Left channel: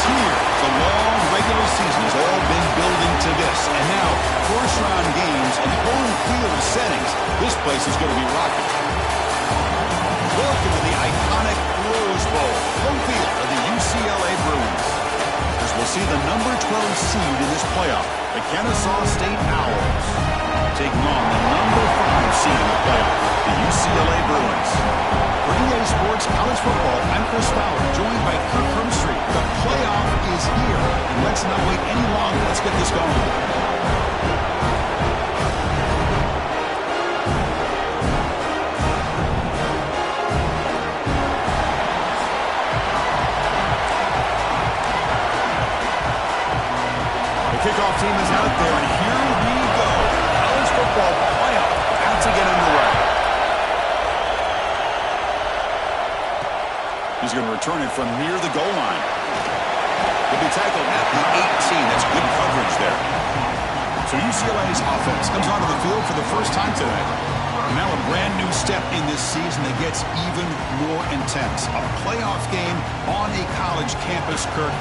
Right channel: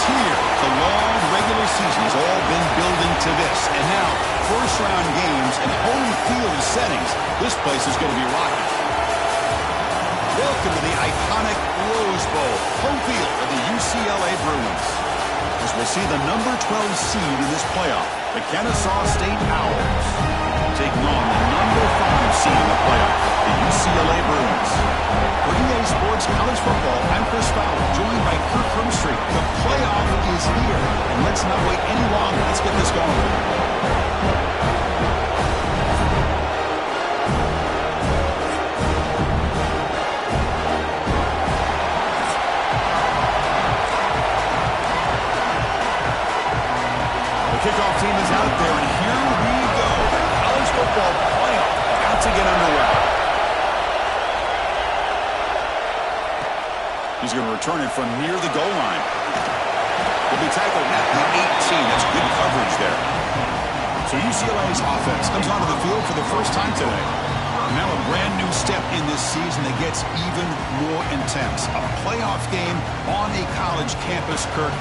is here. The long regular season has all been building to this. And now, first-round games and home field settings. This place is going to be rocking. Welcome to the iconic Rose Bowl, home field of the UCLA Bruins. As we'll see the number 12 seed in this playoff, the Kennesaw State Owls, taking on the number 5 seed in the playoff, the UCLA Bruins. For EA Sports College Football, I'm Chris Fowler, joined by Kirk Hermstreet. The playoff is here, and let's not wait any longer. Let's get this going. Kickoff team is out there, and here we go. The college football playoff about to get underway. He's going to return it from near the goal line. He'll be tackled at the 18. That's good coverage there. So UCLA's offense comes onto the field for the first time today. Now a brand new step in this season that gets even more intense. A playoff game on a college campus, Kirk.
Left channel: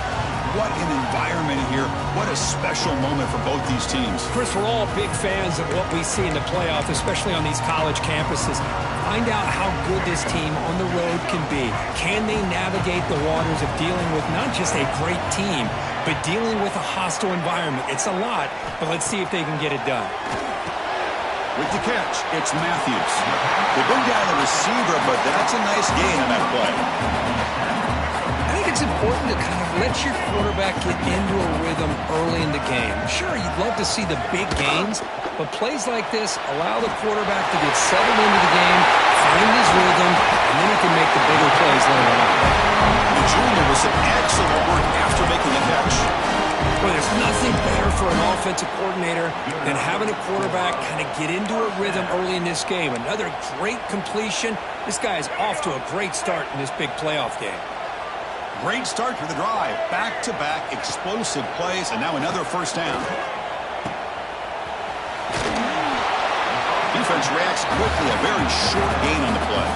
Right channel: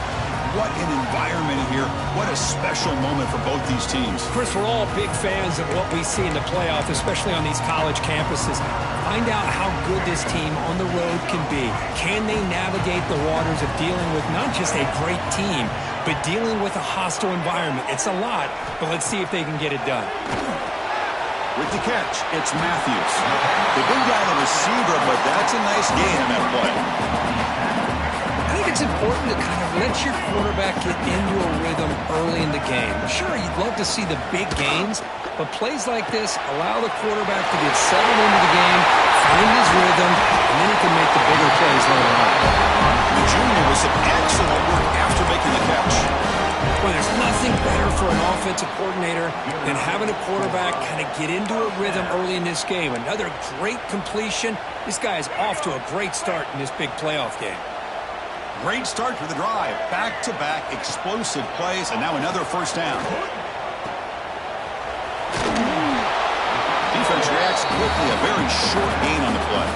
What an environment here. What a special moment for both these teams. Chris, we're all big fans of what we see in the playoff, especially on these college campuses. Find out how good this team on the road can be. Can they navigate the waters of dealing with not just a great team, but dealing with a hostile environment? It's a lot, but let's see if they can get it done. With the catch, it's Matthews. They bring down the receiver, but that's a nice gain on that play. I think it's important to kind of let your quarterback get into a rhythm early in the game. Sure, you'd love to see the big gains, but plays like this allow the quarterback to get settled into the game, find his rhythm, and then he can make the bigger plays later on. The junior with some excellent work after making the catch. Well, there's nothing better for an offensive coordinator than having a quarterback kind of get into a rhythm early in this game. Another great completion. This guy is off to a great start in this big playoff game. Great start to the drive. Back-to-back explosive plays, and now another first down. Defense reacts quickly. A very short gain on the play.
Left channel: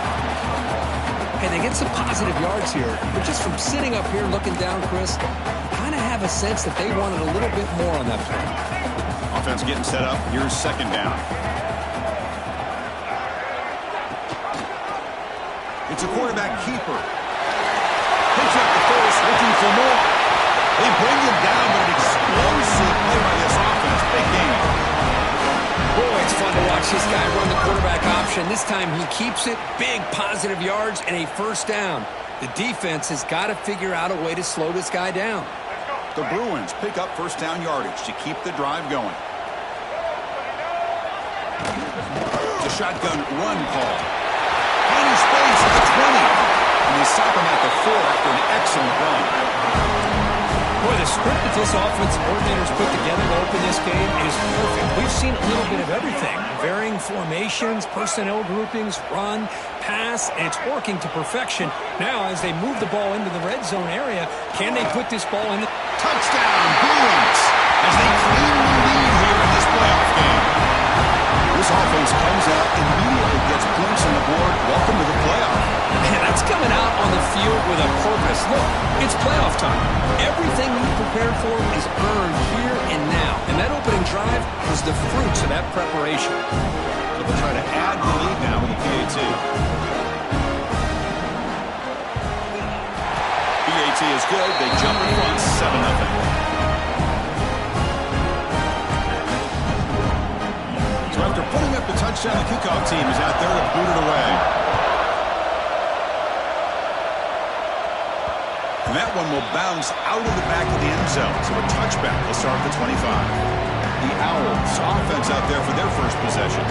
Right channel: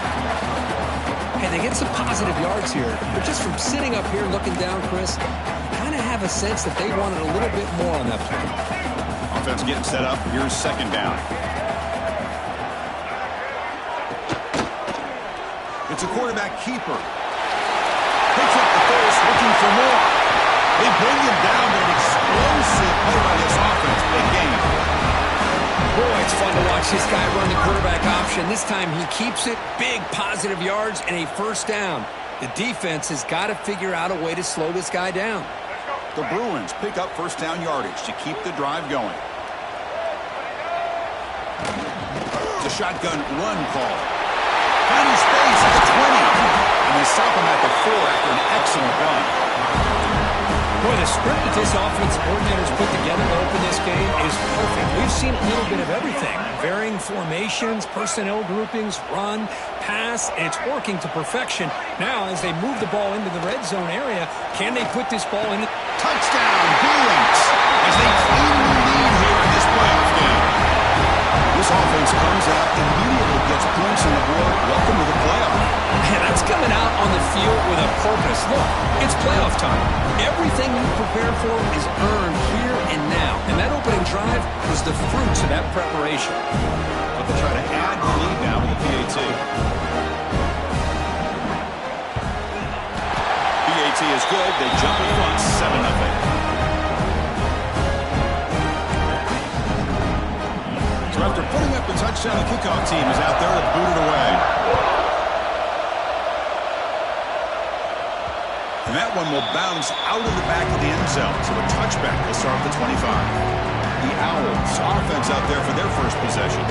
Hey, they get some positive yards here, but just from sitting up here looking down, Chris, you kind of have a sense that they wanted a little bit more on that play. Offense getting set up. Here's second down. It's a quarterback keeper. Picks up the first, looking for more. They bring him down, but an explosive play by this offense. Big game. Boy, it's fun to watch this guy run the quarterback option. This time he keeps it. Big positive yards and a first down. The defense has got to figure out a way to slow this guy down. The Bruins pick up first down yardage to keep the drive going. The shotgun run call. Tiny space at the 20. And they stop him at the 4 after an excellent run. Boy, the script that this offensive coordinator's put together to open this game is perfect. We've seen a little bit of everything. Varying formations, personnel groupings, run, pass, and it's working to perfection. Now, as they move the ball into the red zone area, can they put this ball in? Touchdown, Bruins, as they claim the lead here in this playoff game. This offense comes out, immediately gets points on the board. Welcome to the playoff. Man, that's coming out on the field with a purpose. Look, it's playoff time. Everything you prepared for is earned here and now. And that opening drive was the fruits of that preparation. So they'll try to add the lead now with the PAT. PAT is good. They jump in front, 7-0. So after putting up the touchdown, the kickoff team is out there to boot it away. And that one will bounce out of the back of the end zone. So a touchback will start at the 25. The Owls offense out there for their first possession.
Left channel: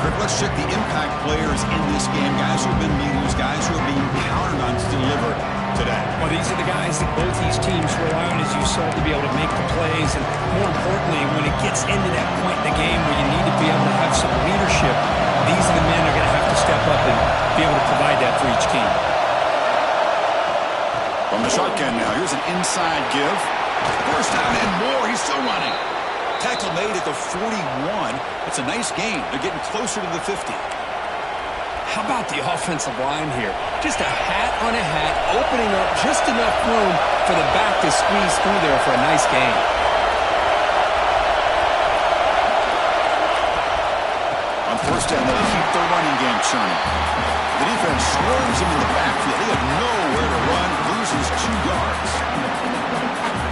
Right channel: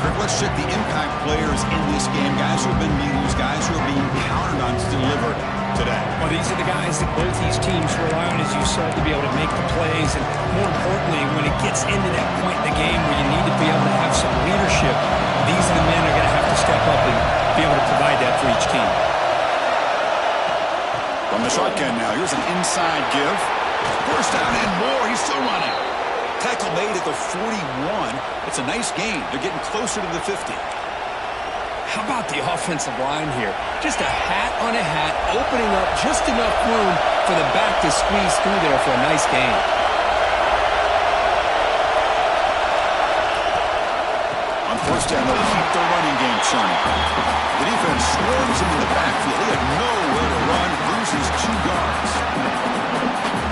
Kirk, let's check the impact players in this game. Guys who have been leaders, guys who are being counted on to deliver today. Well, these are the guys that both these teams rely on, as you said, to be able to make the plays. And more importantly, when it gets into that point in the game where you need to be able to have some leadership, these are the men that are going to have to step up and be able to provide that for each team. From the shotgun now, here's an inside give. First down and more. He's still running. Tackle made at the 41. It's a nice gain. They're getting closer to the 50. How about the offensive line here? Just a hat on a hat, opening up just enough room for the back to squeeze through there for a nice gain. On first down, they'll keep their running game churning. The defense swarms him in the backfield. He had nowhere to run, loses 2 yards.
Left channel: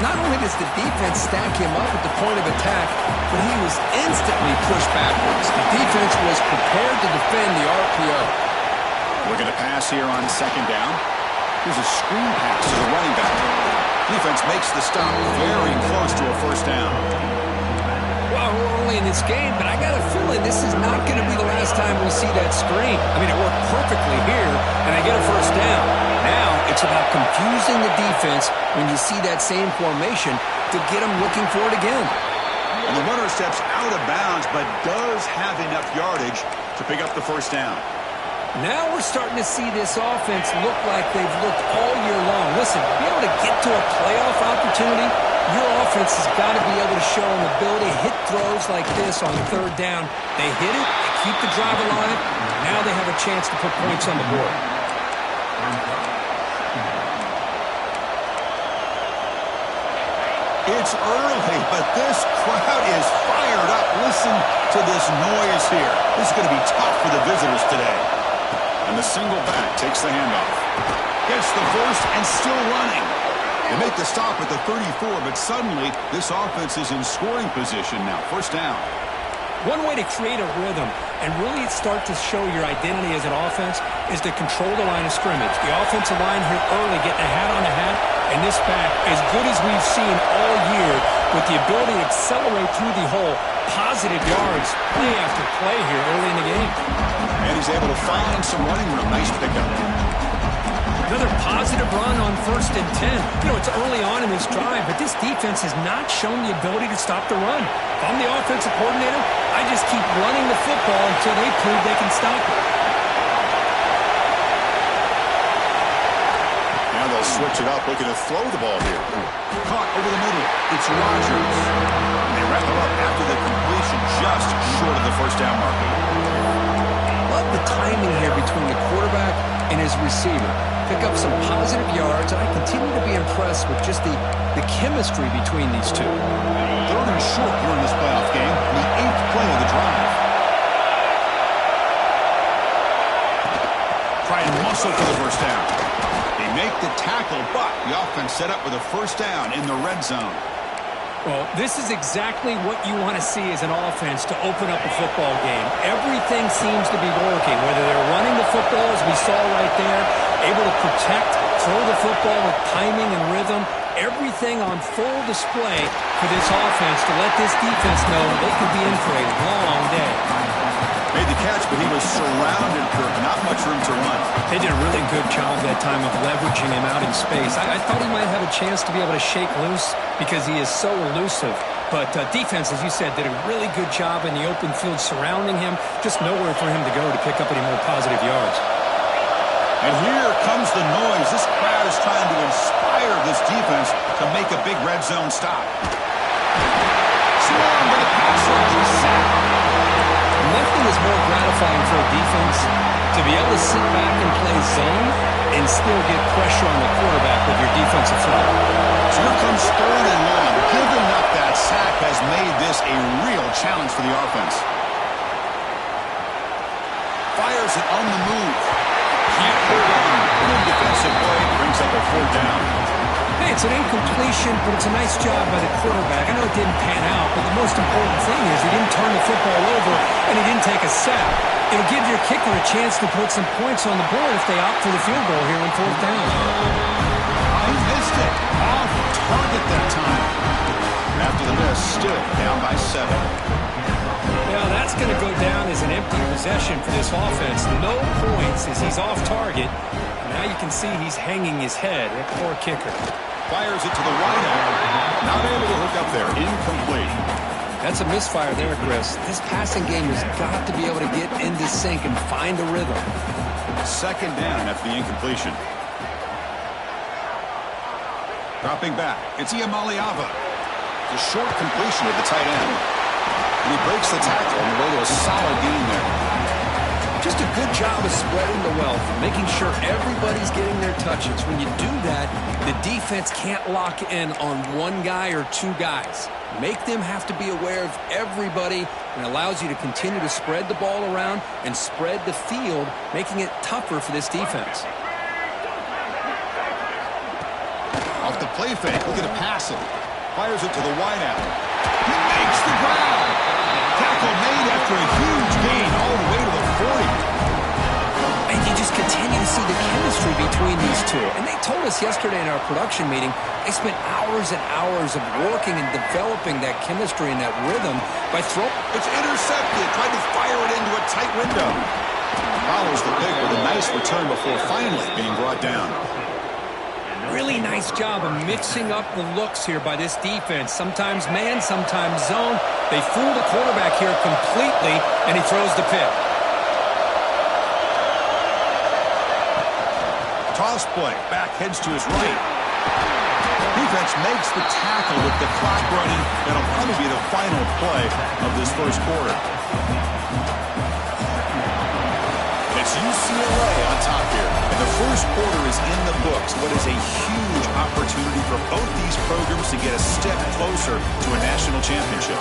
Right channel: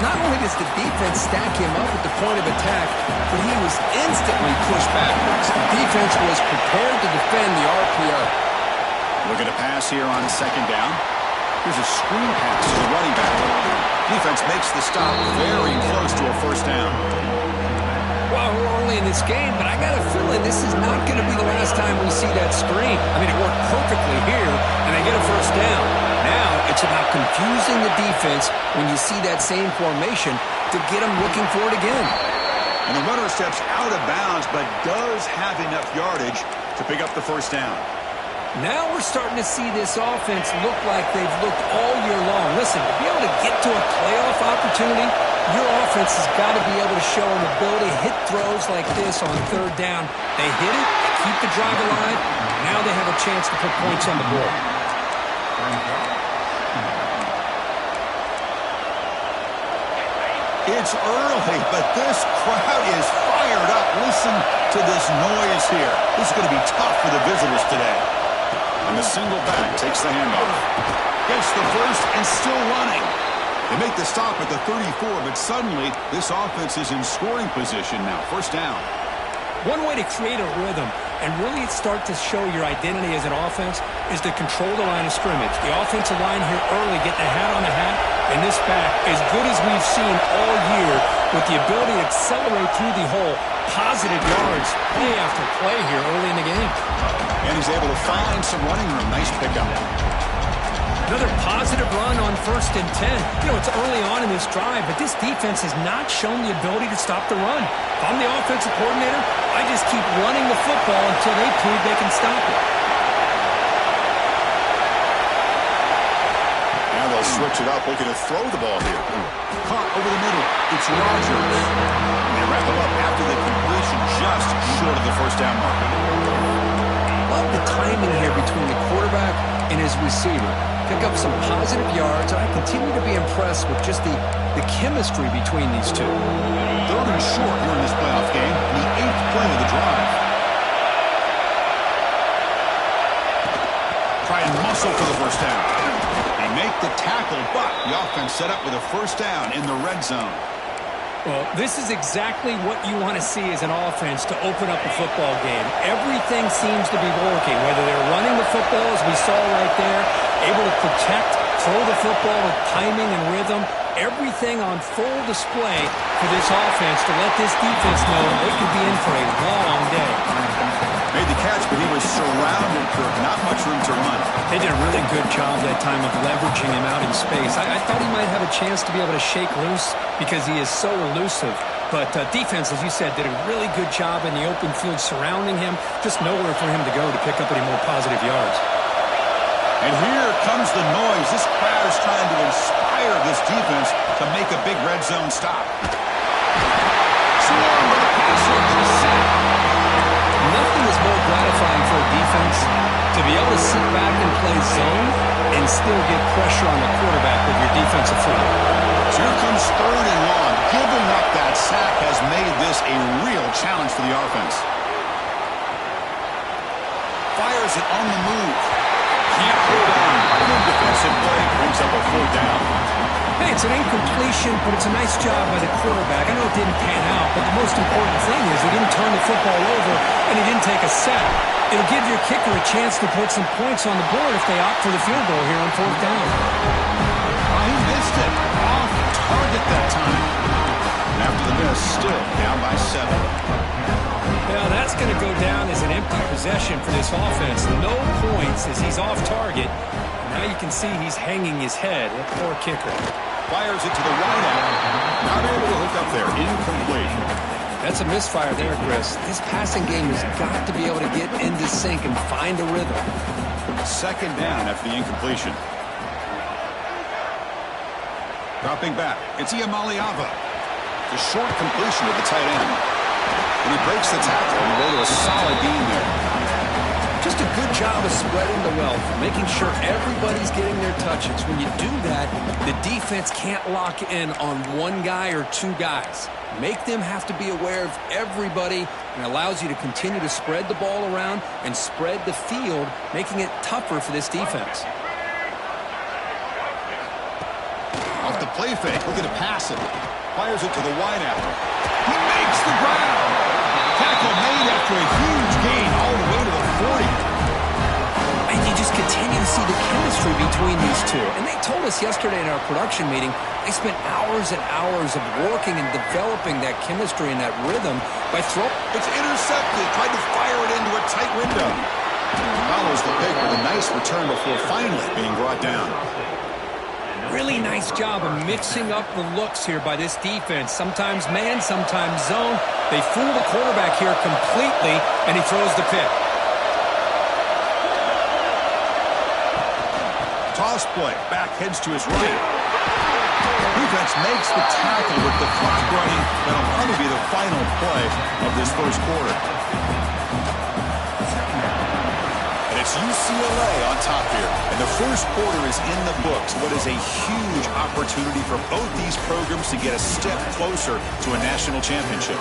Not only does the defense stack him up at the point of attack, but he was instantly pushed backwards. The defense was prepared to defend the RPO. Looking to pass here on second down. Here's a screen pass to the running back. Defense makes the stop very close to a first down. Well, we're early in this game, but I got a feeling this is not going to be the last time we see that screen. I mean, it worked perfectly here, and they get a first down. Now it's about confusing the defense when you see that same formation to get them looking for it again. And the runner steps out of bounds, but does have enough yardage to pick up the first down. Now we're starting to see this offense look like they've looked all year long. Listen, to be able to get to a playoff opportunity, your offense has got to be able to show an ability to hit throws like this on third down. They hit it, they keep the drive alive, now they have a chance to put points on the board. It's early, but this crowd is fired up. Listen to this noise here. This is going to be tough for the visitors today. And the single back takes the handoff. Gets the first and still running. They make the stop at the 34, but suddenly this offense is in scoring position now. First down. One way to create a rhythm and really start to show your identity as an offense is to control the line of scrimmage. The offensive line here early getting a hat on a hat, and this back, as good as we've seen all year, with the ability to accelerate through the hole, positive yards, play after play here early in the game. And he's able to find some running room. Nice pickup. Another positive run on 1st and 10. You know, it's early on in this drive, but this defense has not shown the ability to stop the run. If I'm the offensive coordinator, I just keep running the football until they prove they can stop it. Now they'll switch it up, looking to throw the ball here. Caught over the middle. It's Rodgers. And they wrap him up after the completion, just short of the first down marker. Love the timing here between the quarterback and his receiver. Pick up some positive yards, and I continue to be impressed with just the chemistry between these two. 3rd and short here in this playoff game, the 8th play of the drive. Try and muscle for the first down. They make the tackle, but the offense set up with a first down in the red zone. Well, this is exactly what you want to see as an offense to open up a football game. Everything seems to be working, whether they're running the football, as we saw right there, able to protect, throw the football with timing and rhythm, everything on full display for this offense to let this defense know they could be in for a long day. Made the catch, but he was surrounded, Kirk. Not much room to run. They did a really good job that time of leveraging him out in space. I thought he might have a chance to be able to shake loose because he is so elusive. But defense, as you said, did a really good job in the open field surrounding him. Just nowhere for him to go to pick up any more positive yards. And here comes the noise. This crowd is trying to inspire this defense to make a big red zone stop. Swarmed by the pass rush. Sack. Nothing is more gratifying for a defense to be able to sit back and play zone and still get pressure on the quarterback with your defensive front. So here comes 3rd and long. Giving up that sack has made this a real challenge for the offense. Fires it on the move. Can't hold on. Good defensive play. Brings up a 4th down. Hey, it's an incompletion, but it's a nice job by the quarterback. I know it didn't pan out, but the most important thing is he didn't turn the football over and he didn't take a sack. It'll give your kicker a chance to put some points on the board if they opt for the field goal here on 4th down. He missed it. Off target that time. After the miss, still down by 7. Now that's going to go down as an empty possession for this offense. No points as he's off target. Now you can see he's hanging his head. That poor kicker. Fires it to the wideout. Not able to hook up there. Incomplete. That's a misfire there, Chris. This passing game has got to be able to get into sync and find a rhythm. 2nd down after the incompletion. Dropping back. It's Iamaleava. It's a short completion to the tight end. And he breaks the tackle on the way to a solid gain there. Just a good job of spreading the wealth, making sure everybody's getting their touches. When you do that, the defense can't lock in on one guy or two guys. Make them have to be aware of everybody, and allows you to continue to spread the ball around and spread the field, making it tougher for this defense. Off the play fake, looking to pass it. Fires it to the wideout. He makes the ground. Tackle made after a huge gain all the way to the 40. And you just continue to see the chemistry between these two. And they told us yesterday in our production meeting, they spent hours and hours of working and developing that chemistry and that rhythm by throwing. It's intercepted. Tried to fire it into a tight window. Follows the pick with a nice return before finally being brought down. Really nice job of mixing up the looks here by this defense. Sometimes man, sometimes zone. They fool the quarterback here completely, and he throws the pick. Toss play. Back heads to his right. Defense makes the tackle with the clock running. That'll probably be the final play of this first quarter. And it's UCLA on top here. And the first quarter is in the books. What is a huge opportunity for both these programs to get a step closer to a national championship.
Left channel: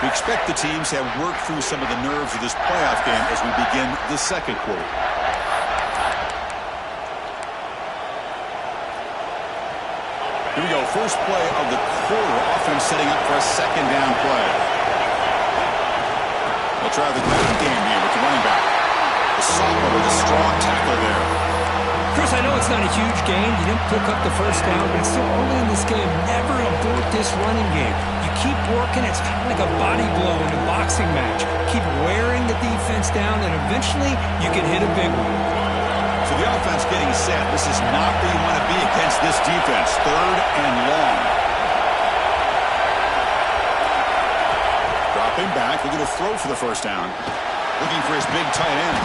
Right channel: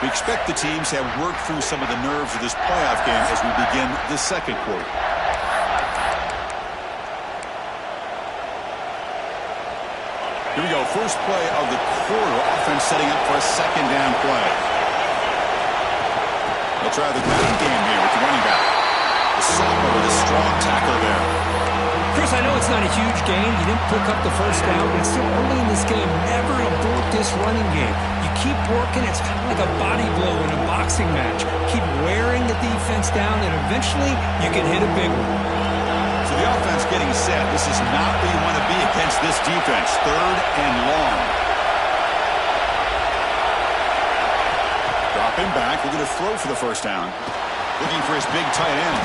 We expect the teams to have worked through some of the nerves of this playoff game as we begin the second quarter. Here we go. First play of the quarter. Offense setting up for a second down play. They'll try the ground game here with the running back. The sophomore with a strong tackle there. Chris, I know it's not a huge gain. You didn't pick up the first down, but it's still early in this game. Never abort this running game. You keep working. It's kind of like a body blow in a boxing match. Keep wearing the defense down, and eventually you can hit a big one. So the offense getting set. This is not where you want to be against this defense. Third and long. Dropping back, looking to throw for the first down. Looking for his big tight end.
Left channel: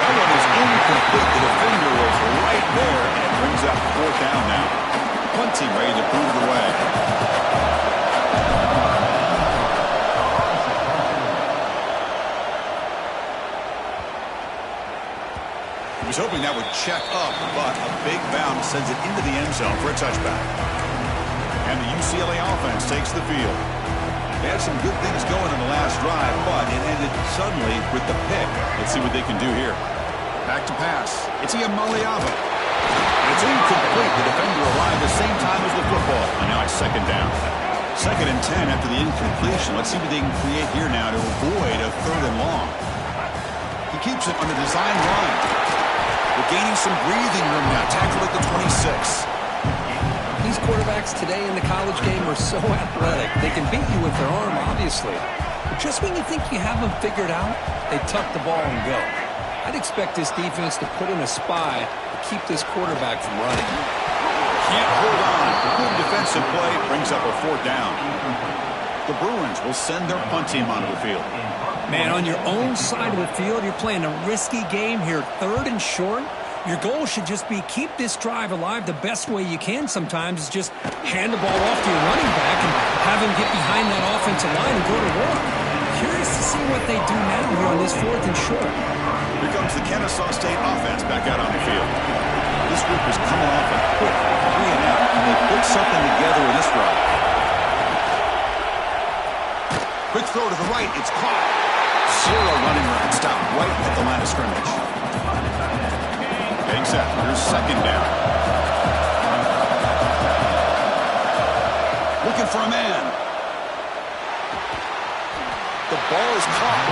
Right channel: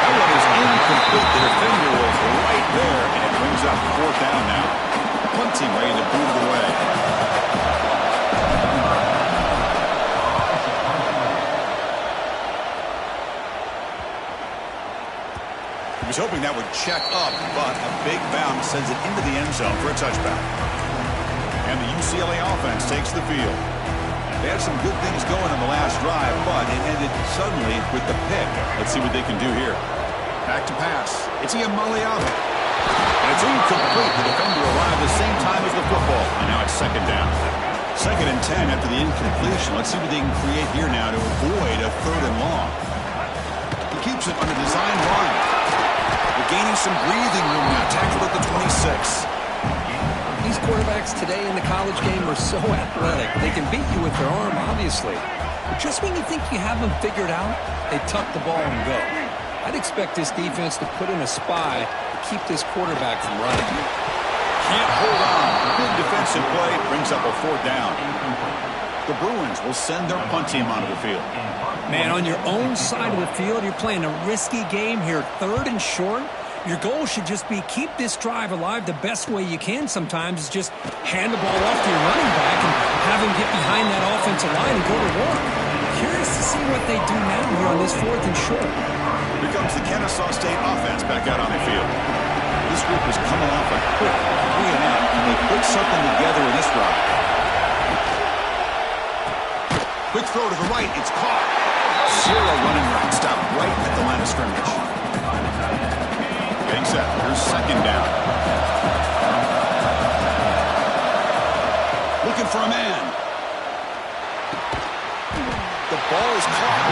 That one is incomplete. The defender was right there, and it brings up fourth down now. Punt team ready to boot it away. He was hoping that would check up, but a big bounce sends it into the end zone for a touchback. And the UCLA offense takes the field. They had some good things going on the last drive, but it ended suddenly with the pick. Let's see what they can do here. Back to pass. It's Iamaleava. And it's incomplete. The defender arrived the same time as the football. And now it's second down. Second and 10 after the incompletion. Let's see what they can create here now to avoid a third and long. He keeps it on a design run. We're gaining some breathing room now. Tackled at the 26. These quarterbacks today in the college game are so athletic. They can beat you with their arm, obviously. But just when you think you have them figured out, they tuck the ball and go. I'd expect this defense to put in a spy to keep this quarterback from running. Can't hold on. Good defensive play brings up a fourth down. The Bruins will send their punt team onto the field. Man, on your own side of the field, you're playing a risky game here. Third and short. Your goal should just be keep this drive alive the best way you can sometimes is just hand the ball off to your running back and have him get behind that offensive line and go to work. Curious to see what they do now here on this fourth and short. Here comes the Kennesaw State offense back out on the field. This group is coming off a quick 3 and out. Can they put something together in this drive? Quick throw to the right. It's caught. Zero running room. Stop right at the line of scrimmage. Getting set. Here's second down. Looking for a man. The ball is caught.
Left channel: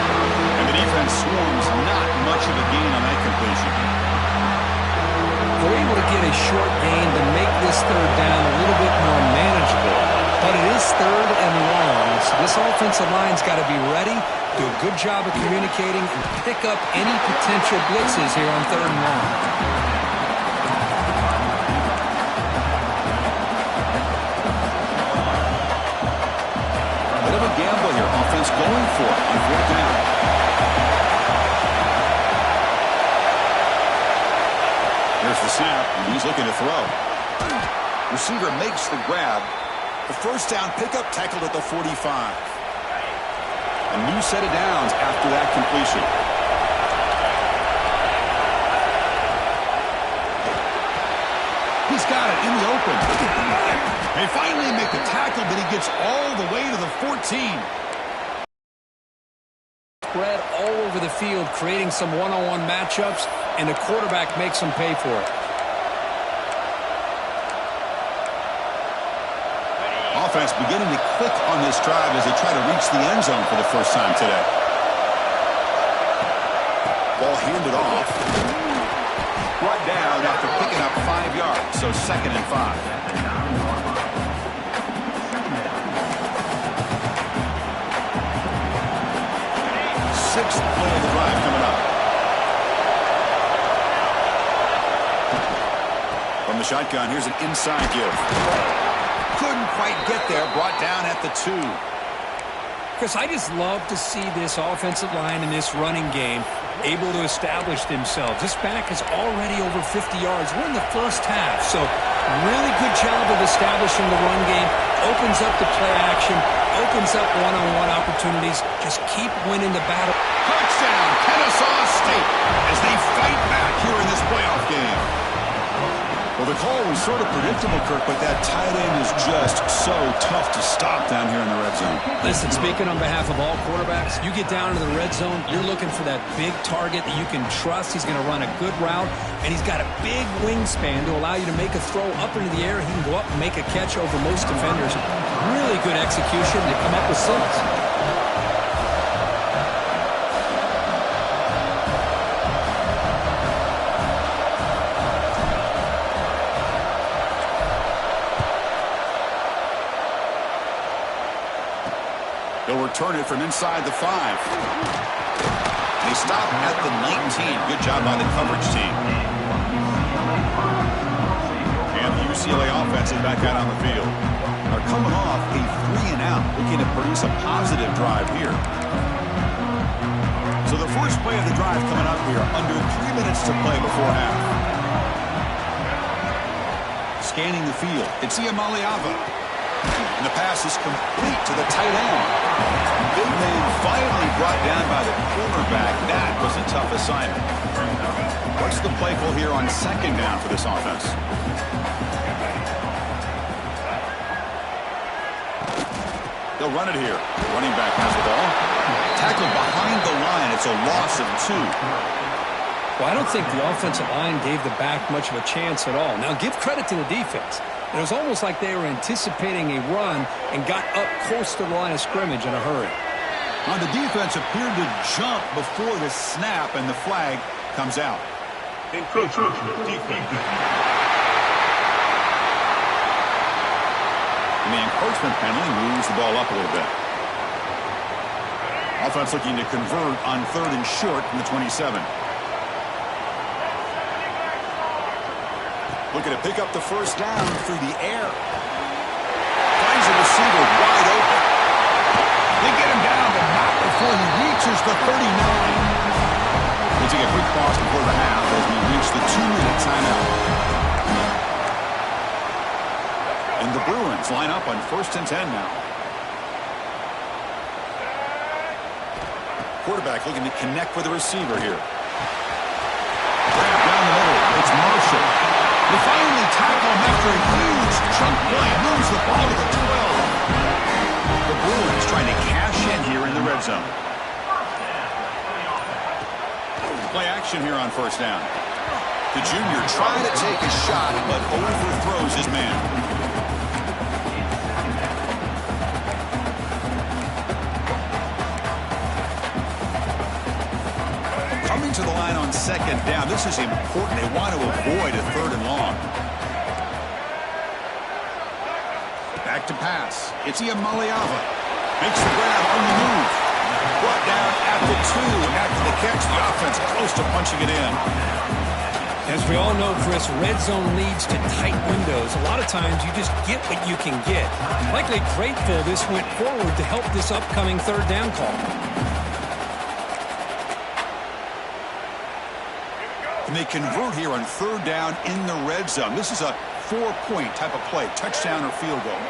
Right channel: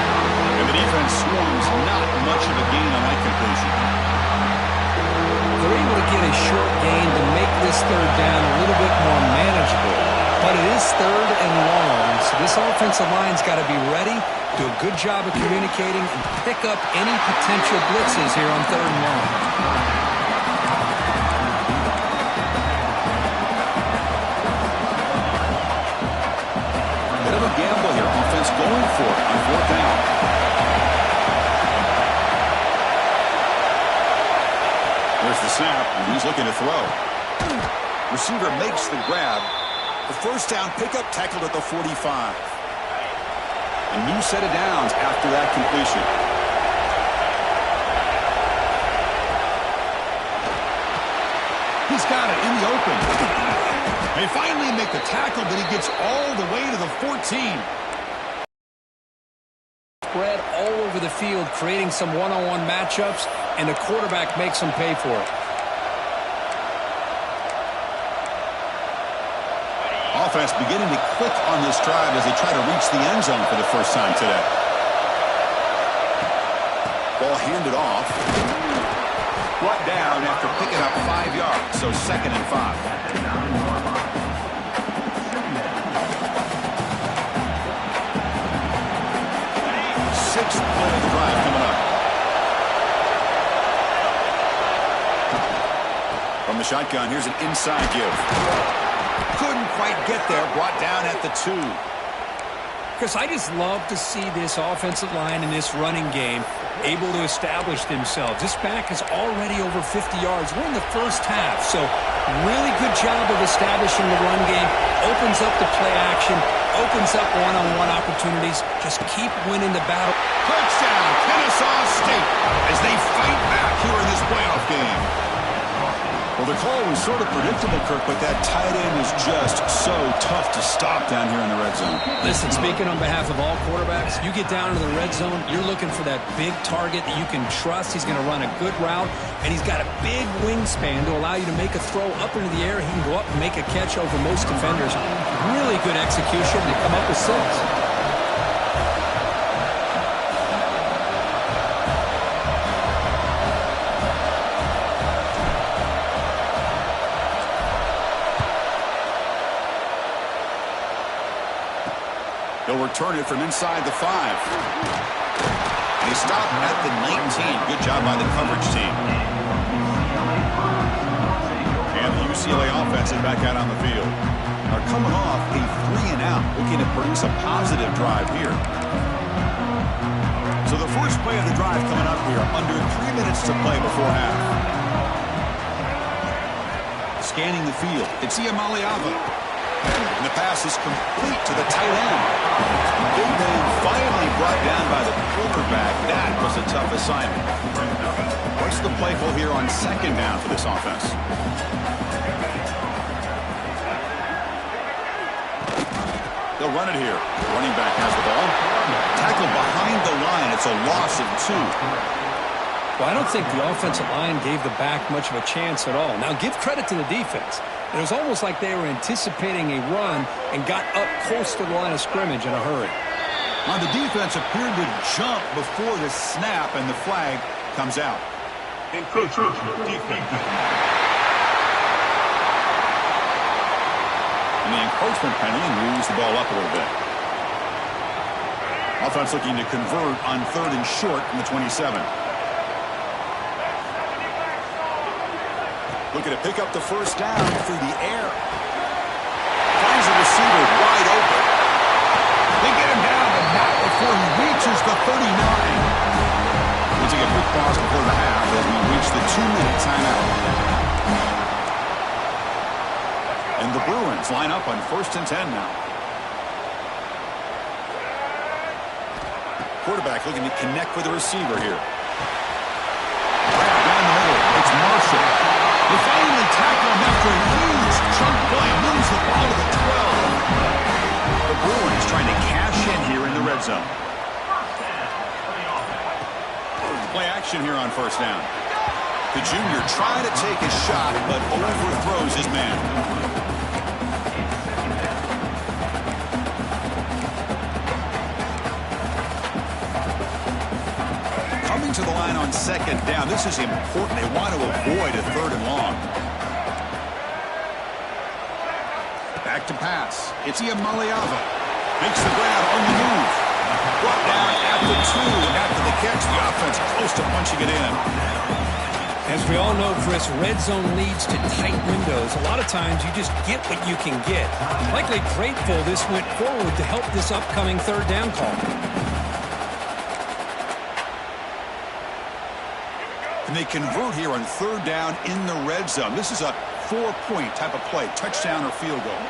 And the defense swarms. Not much of a gain on that completion. They're able to get a short gain to make this third down a little bit more manageable. But it is third and long, so this offensive line's got to be ready, do a good job of communicating, and pick up any potential blitzes here on third and long. Bit of a gamble here. Offense going for it on fourth down. There's the snap, and he's looking to throw. Receiver makes the grab. The first down pickup tackled at the 45. A new set of downs after that completion. He's got it in the open. They finally make the tackle, but he gets all the way to the 14. Spread all over the field, creating some one-on-one matchups, and the quarterback makes them pay for it. Offense beginning to click on this drive as they try to reach the end zone for the first time today. Ball handed off. Brought down after picking up 5 yards, so 2nd and 5. Sixth play of the drive coming up. From the shotgun, here's an inside give. Couldn't quite get there, brought down at the 2. Chris, I just love to see this offensive line in this running game able to establish themselves. This back is already over 50 yards. We're in the first half, so really good job of establishing the run game. Opens up the play action, opens up one-on-one opportunities. Just keep winning the battle. Touchdown, Kennesaw State, as they fight back here in this playoff game. Well, the call was sort of predictable, Kirk, but that tight end is just so tough to stop down here in the red zone. Listen, speaking on behalf of all quarterbacks, you get down into the red zone, you're looking for that big target that you can trust. He's going to run a good route, and he's got a big wingspan to allow you to make a throw up into the air. He can go up and make a catch over most defenders. Really good execution. They come up with 6. They'll return it from inside the 5. They stop at the 19. Good job by the coverage team. And the UCLA offense is back out on the field. Are coming off a 3-and-out, looking to produce a positive drive here. So the first play of the drive coming up here, under 3 minutes to play before half. Scanning the field, it's Iamaleava. And the pass is complete to the tight end. Big man finally brought down by the quarterback. That was a tough assignment. What's the play call here on 2nd down for this offense? They'll run it here. The running back has the ball. Tackled behind the line. It's a loss of 2. Well, I don't think the offensive line gave the back much of a chance at all. Now, give credit to the defense. It was almost like they were anticipating a run and got up close to the line of scrimmage in a hurry. Now, the defense appeared to jump before the snap, and the flag comes out. Encroachment defense. And the encroachment penalty moves the ball up a little bit. Offense looking to convert on 3rd and short from the 27. Looking to pick up the first down through the air. Finds a receiver wide open. They get him down, but not before he reaches the 39. We'll take a quick pause before the half as we reach the 2-minute timeout. And the Bruins line up on 1st and 10 now. Quarterback looking to connect with the receiver here. Grab down the middle. It's Marshall. They finally tackle him after a huge chunk play. Moves the ball to the 12. The Bruins trying to cash in here in the red zone. Play action here on 1st down. The junior trying to take a shot, but overthrows his man. Coming to the line on 2nd down. This is important. They want to avoid a 3rd and long. Back to pass. It's Iamaleava. Makes the grab on the move. Brought down at the 2. After the catch, the offense close to punching it in. As we all know, Chris, red zone leads to tight windows. A lot of times you just get what you can get. Likely grateful this went forward to help this upcoming 3rd down call. And they convert here on 3rd down in the red zone. This is a 4-point type of play, touchdown or field goal.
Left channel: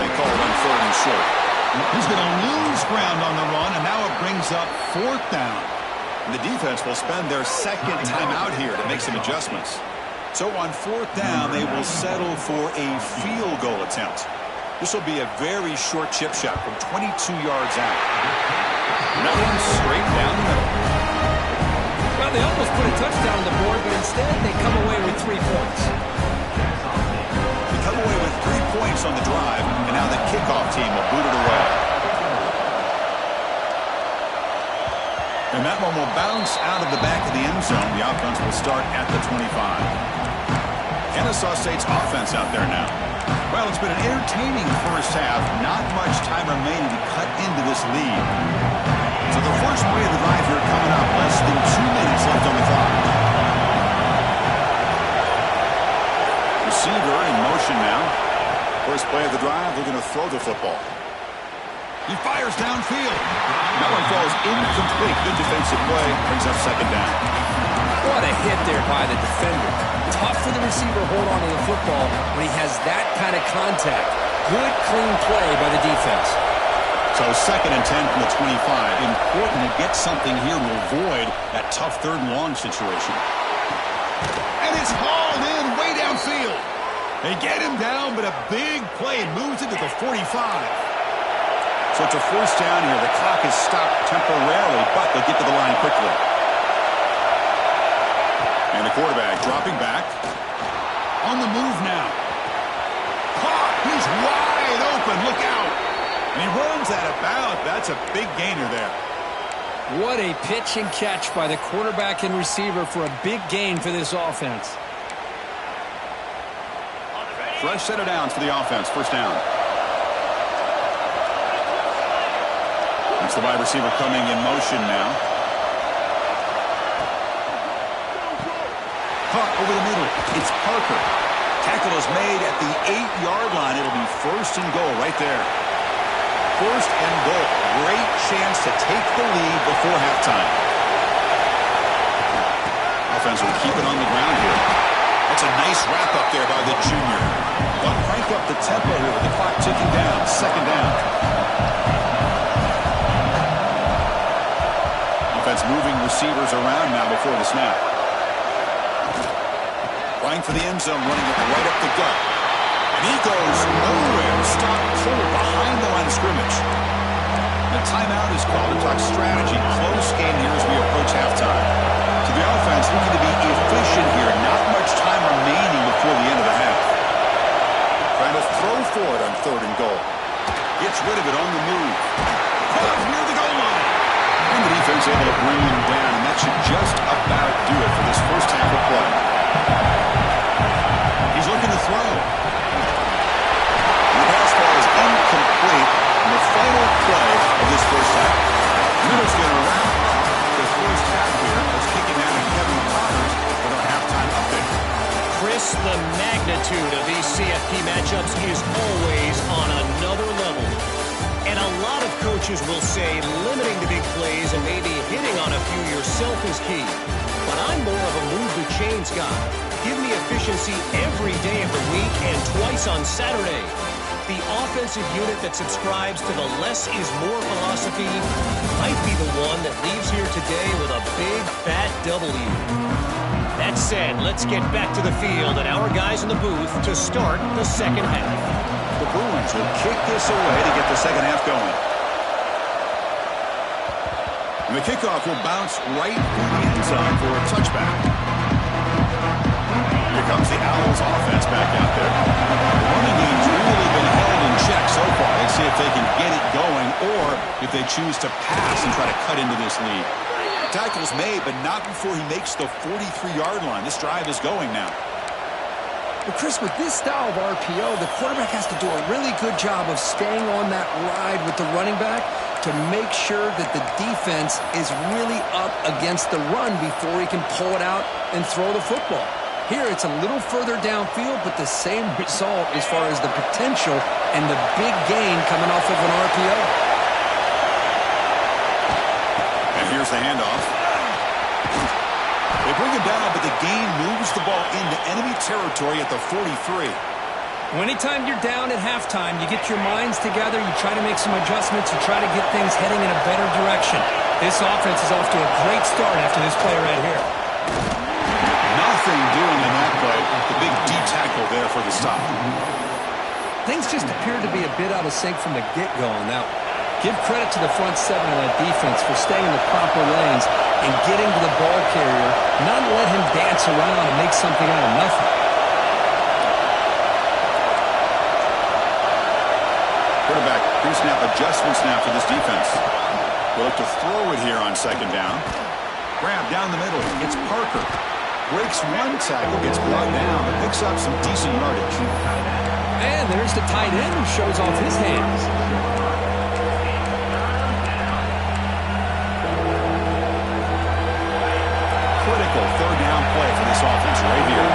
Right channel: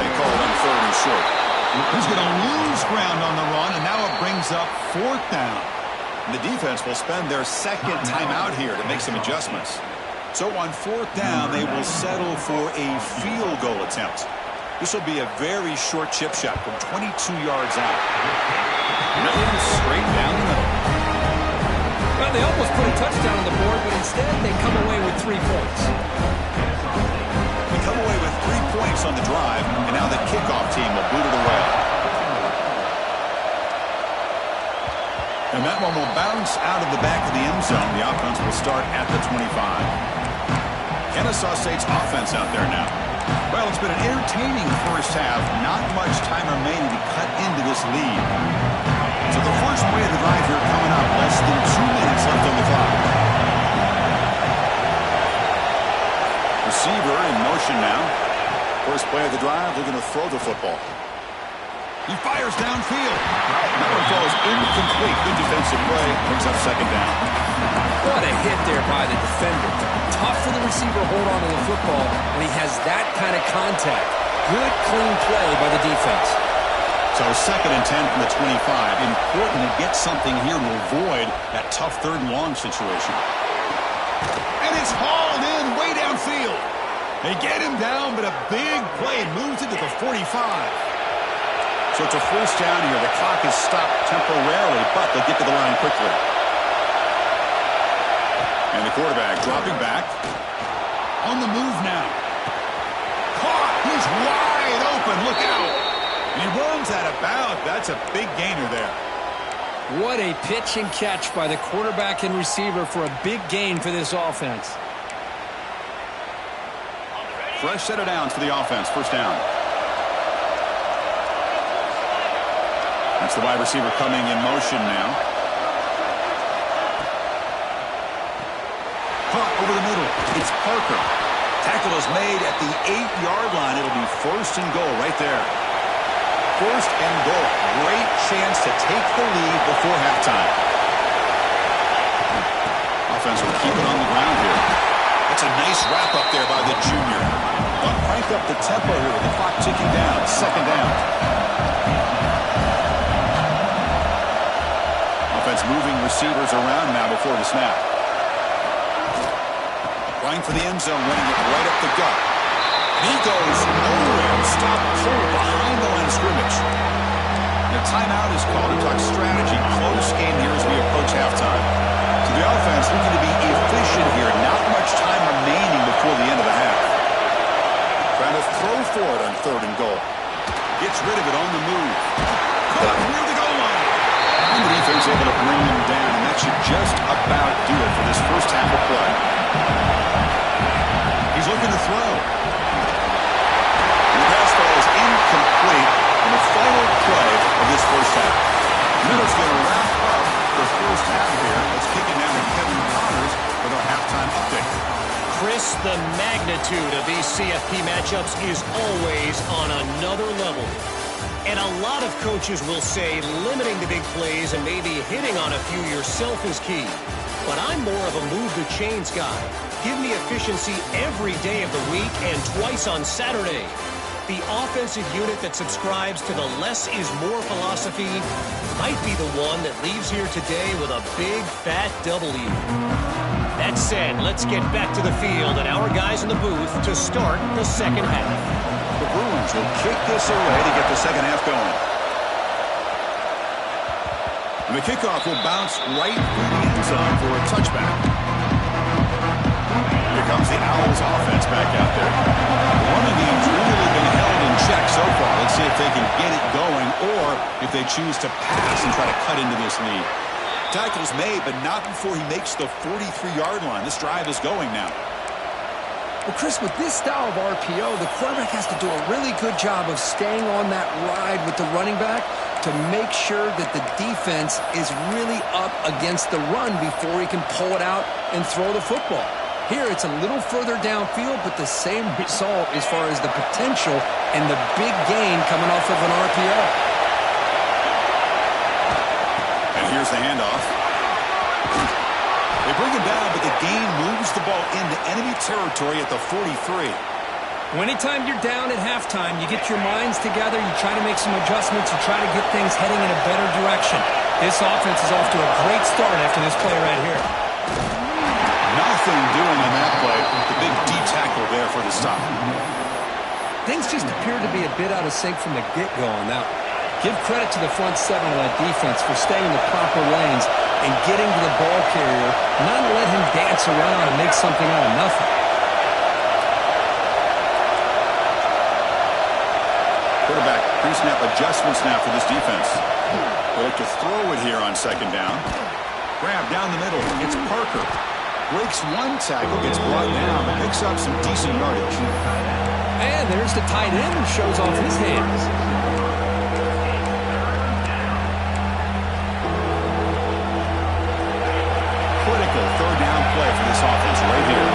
play called on 3rd and short. He's going to lose ground on the run, and now it brings up 4th down. And the defense will spend their second timeout here to make some adjustments. So on 4th down, they will settle for a field goal attempt. This will be a very short chip shot from 22 yards out. Nothing straight down the middle. Well, they almost put a touchdown on the board, but instead they come away with 3 points. They come away with 3 points on the drive, and now the kickoff team will boot it away. And that one will bounce out of the back of the end zone. The offense will start at the 25. Kennesaw State's offense out there now. Well, it's been an entertaining first half. Not much time remaining to cut into this lead. So the first play of the drive here coming up. Less than 2 minutes left on the clock. Receiver in motion now. First play of the drive, looking to throw the football. He fires downfield. That one falls incomplete. Good defensive play. Brings up 2nd down. What a hit there by the defender. Tough for the receiver to hold on to the football when he has that kind of contact. Good, clean play by the defense. So 2nd and 10 from the 25. Important to get something here to avoid that tough 3rd and long situation. And it's hauled in way downfield. They get him down, but a big play moves it to the 45. So it's a 1st down here. The clock is stopped temporarily, but they'll get to the line quickly. And the quarterback dropping back. On the move now. Caught. He's wide open. Look out. And he runs out of bounds. That's a big gainer there. What a pitch and catch by the quarterback and receiver for a big gain for this offense. Fresh set of downs for the offense. 1st down. That's the wide receiver coming in motion now. Caught over the middle. It's Parker. Tackle is made at the 8-yard line. It'll be 1st and goal right there. 1st and goal. Great chance to take the lead before halftime. Offense will keep it on the ground here. That's a nice wrap up there by the junior. But crank up the tempo here with the clock ticking down. 2nd down. Offense moving receivers around now before the snap. Flying for the end zone, running it right up the gut. And he goes nowhere. Stop cold behind the line of scrimmage. And a timeout is called to talk strategy. Close game here as we approach halftime. So the offense looking to be efficient here. Not much time remaining before the end of the half. Trying to throw for it on 3rd and goal. Gets rid of it on the move. Caught near the goal line. And the defense able to bring him down. And that should just about do it for this first half of play. He's looking to throw. The pass ball is incomplete on the final play of this first half. Minutes going to wrap up the first half here. Let's kick it down to Kevin Connors with our halftime update. Chris, the magnitude of these CFP matchups is always on another level. And a lot of coaches will say limiting the big plays and maybe hitting on a few yourself is key. But I'm more of a move the chains guy. Give me efficiency every day of the week and twice on Saturday. The offensive unit that subscribes to the less is more philosophy might be the one that leaves here today with a big fat W. That said, let's get back to the field and our guys in the booth to start the second half. The Bruins will kick this away to get the second half going. And the kickoff will bounce right through the end zone for a touchback. Here comes the Owls offense back out there. The running game's really been held in check so far. Let's see if they can get it going or if they choose to pass and try to cut into this lead. Tackle's made, but not before he makes the 43-yard line. This drive is going now. Well, Chris, with this style of RPO, the quarterback has to do a really good job of staying on that ride with the running back to make sure that the defense is really up against the run before he can pull it out and throw the football. Here, it's a little further downfield, but the same result as far as the potential and the big gain coming off of an RPO. And here's the handoff. They bring him down, but the gain moves the ball into enemy territory at the 43. Anytime you're down at halftime, you get your minds together, you try to make some adjustments, you try to get things heading in a better direction. This offense is off to a great start after this play right here. Nothing doing on that play. The big D tackle there for the stop. Things just appeared to be a bit out of sync from the get-go on that one. Give credit to the front seven of that defense for staying in the proper lanes and getting to the ball carrier, not let him dance around and make something out of nothing. Quarterback pre-snap adjustments now for this defense. They'll look to throw it here on second down. Grab down the middle. It's Parker. Breaks one tackle, gets brought down, but picks up some decent yardage. And there's the tight end who shows off his hands. Critical third down play for this offense right here.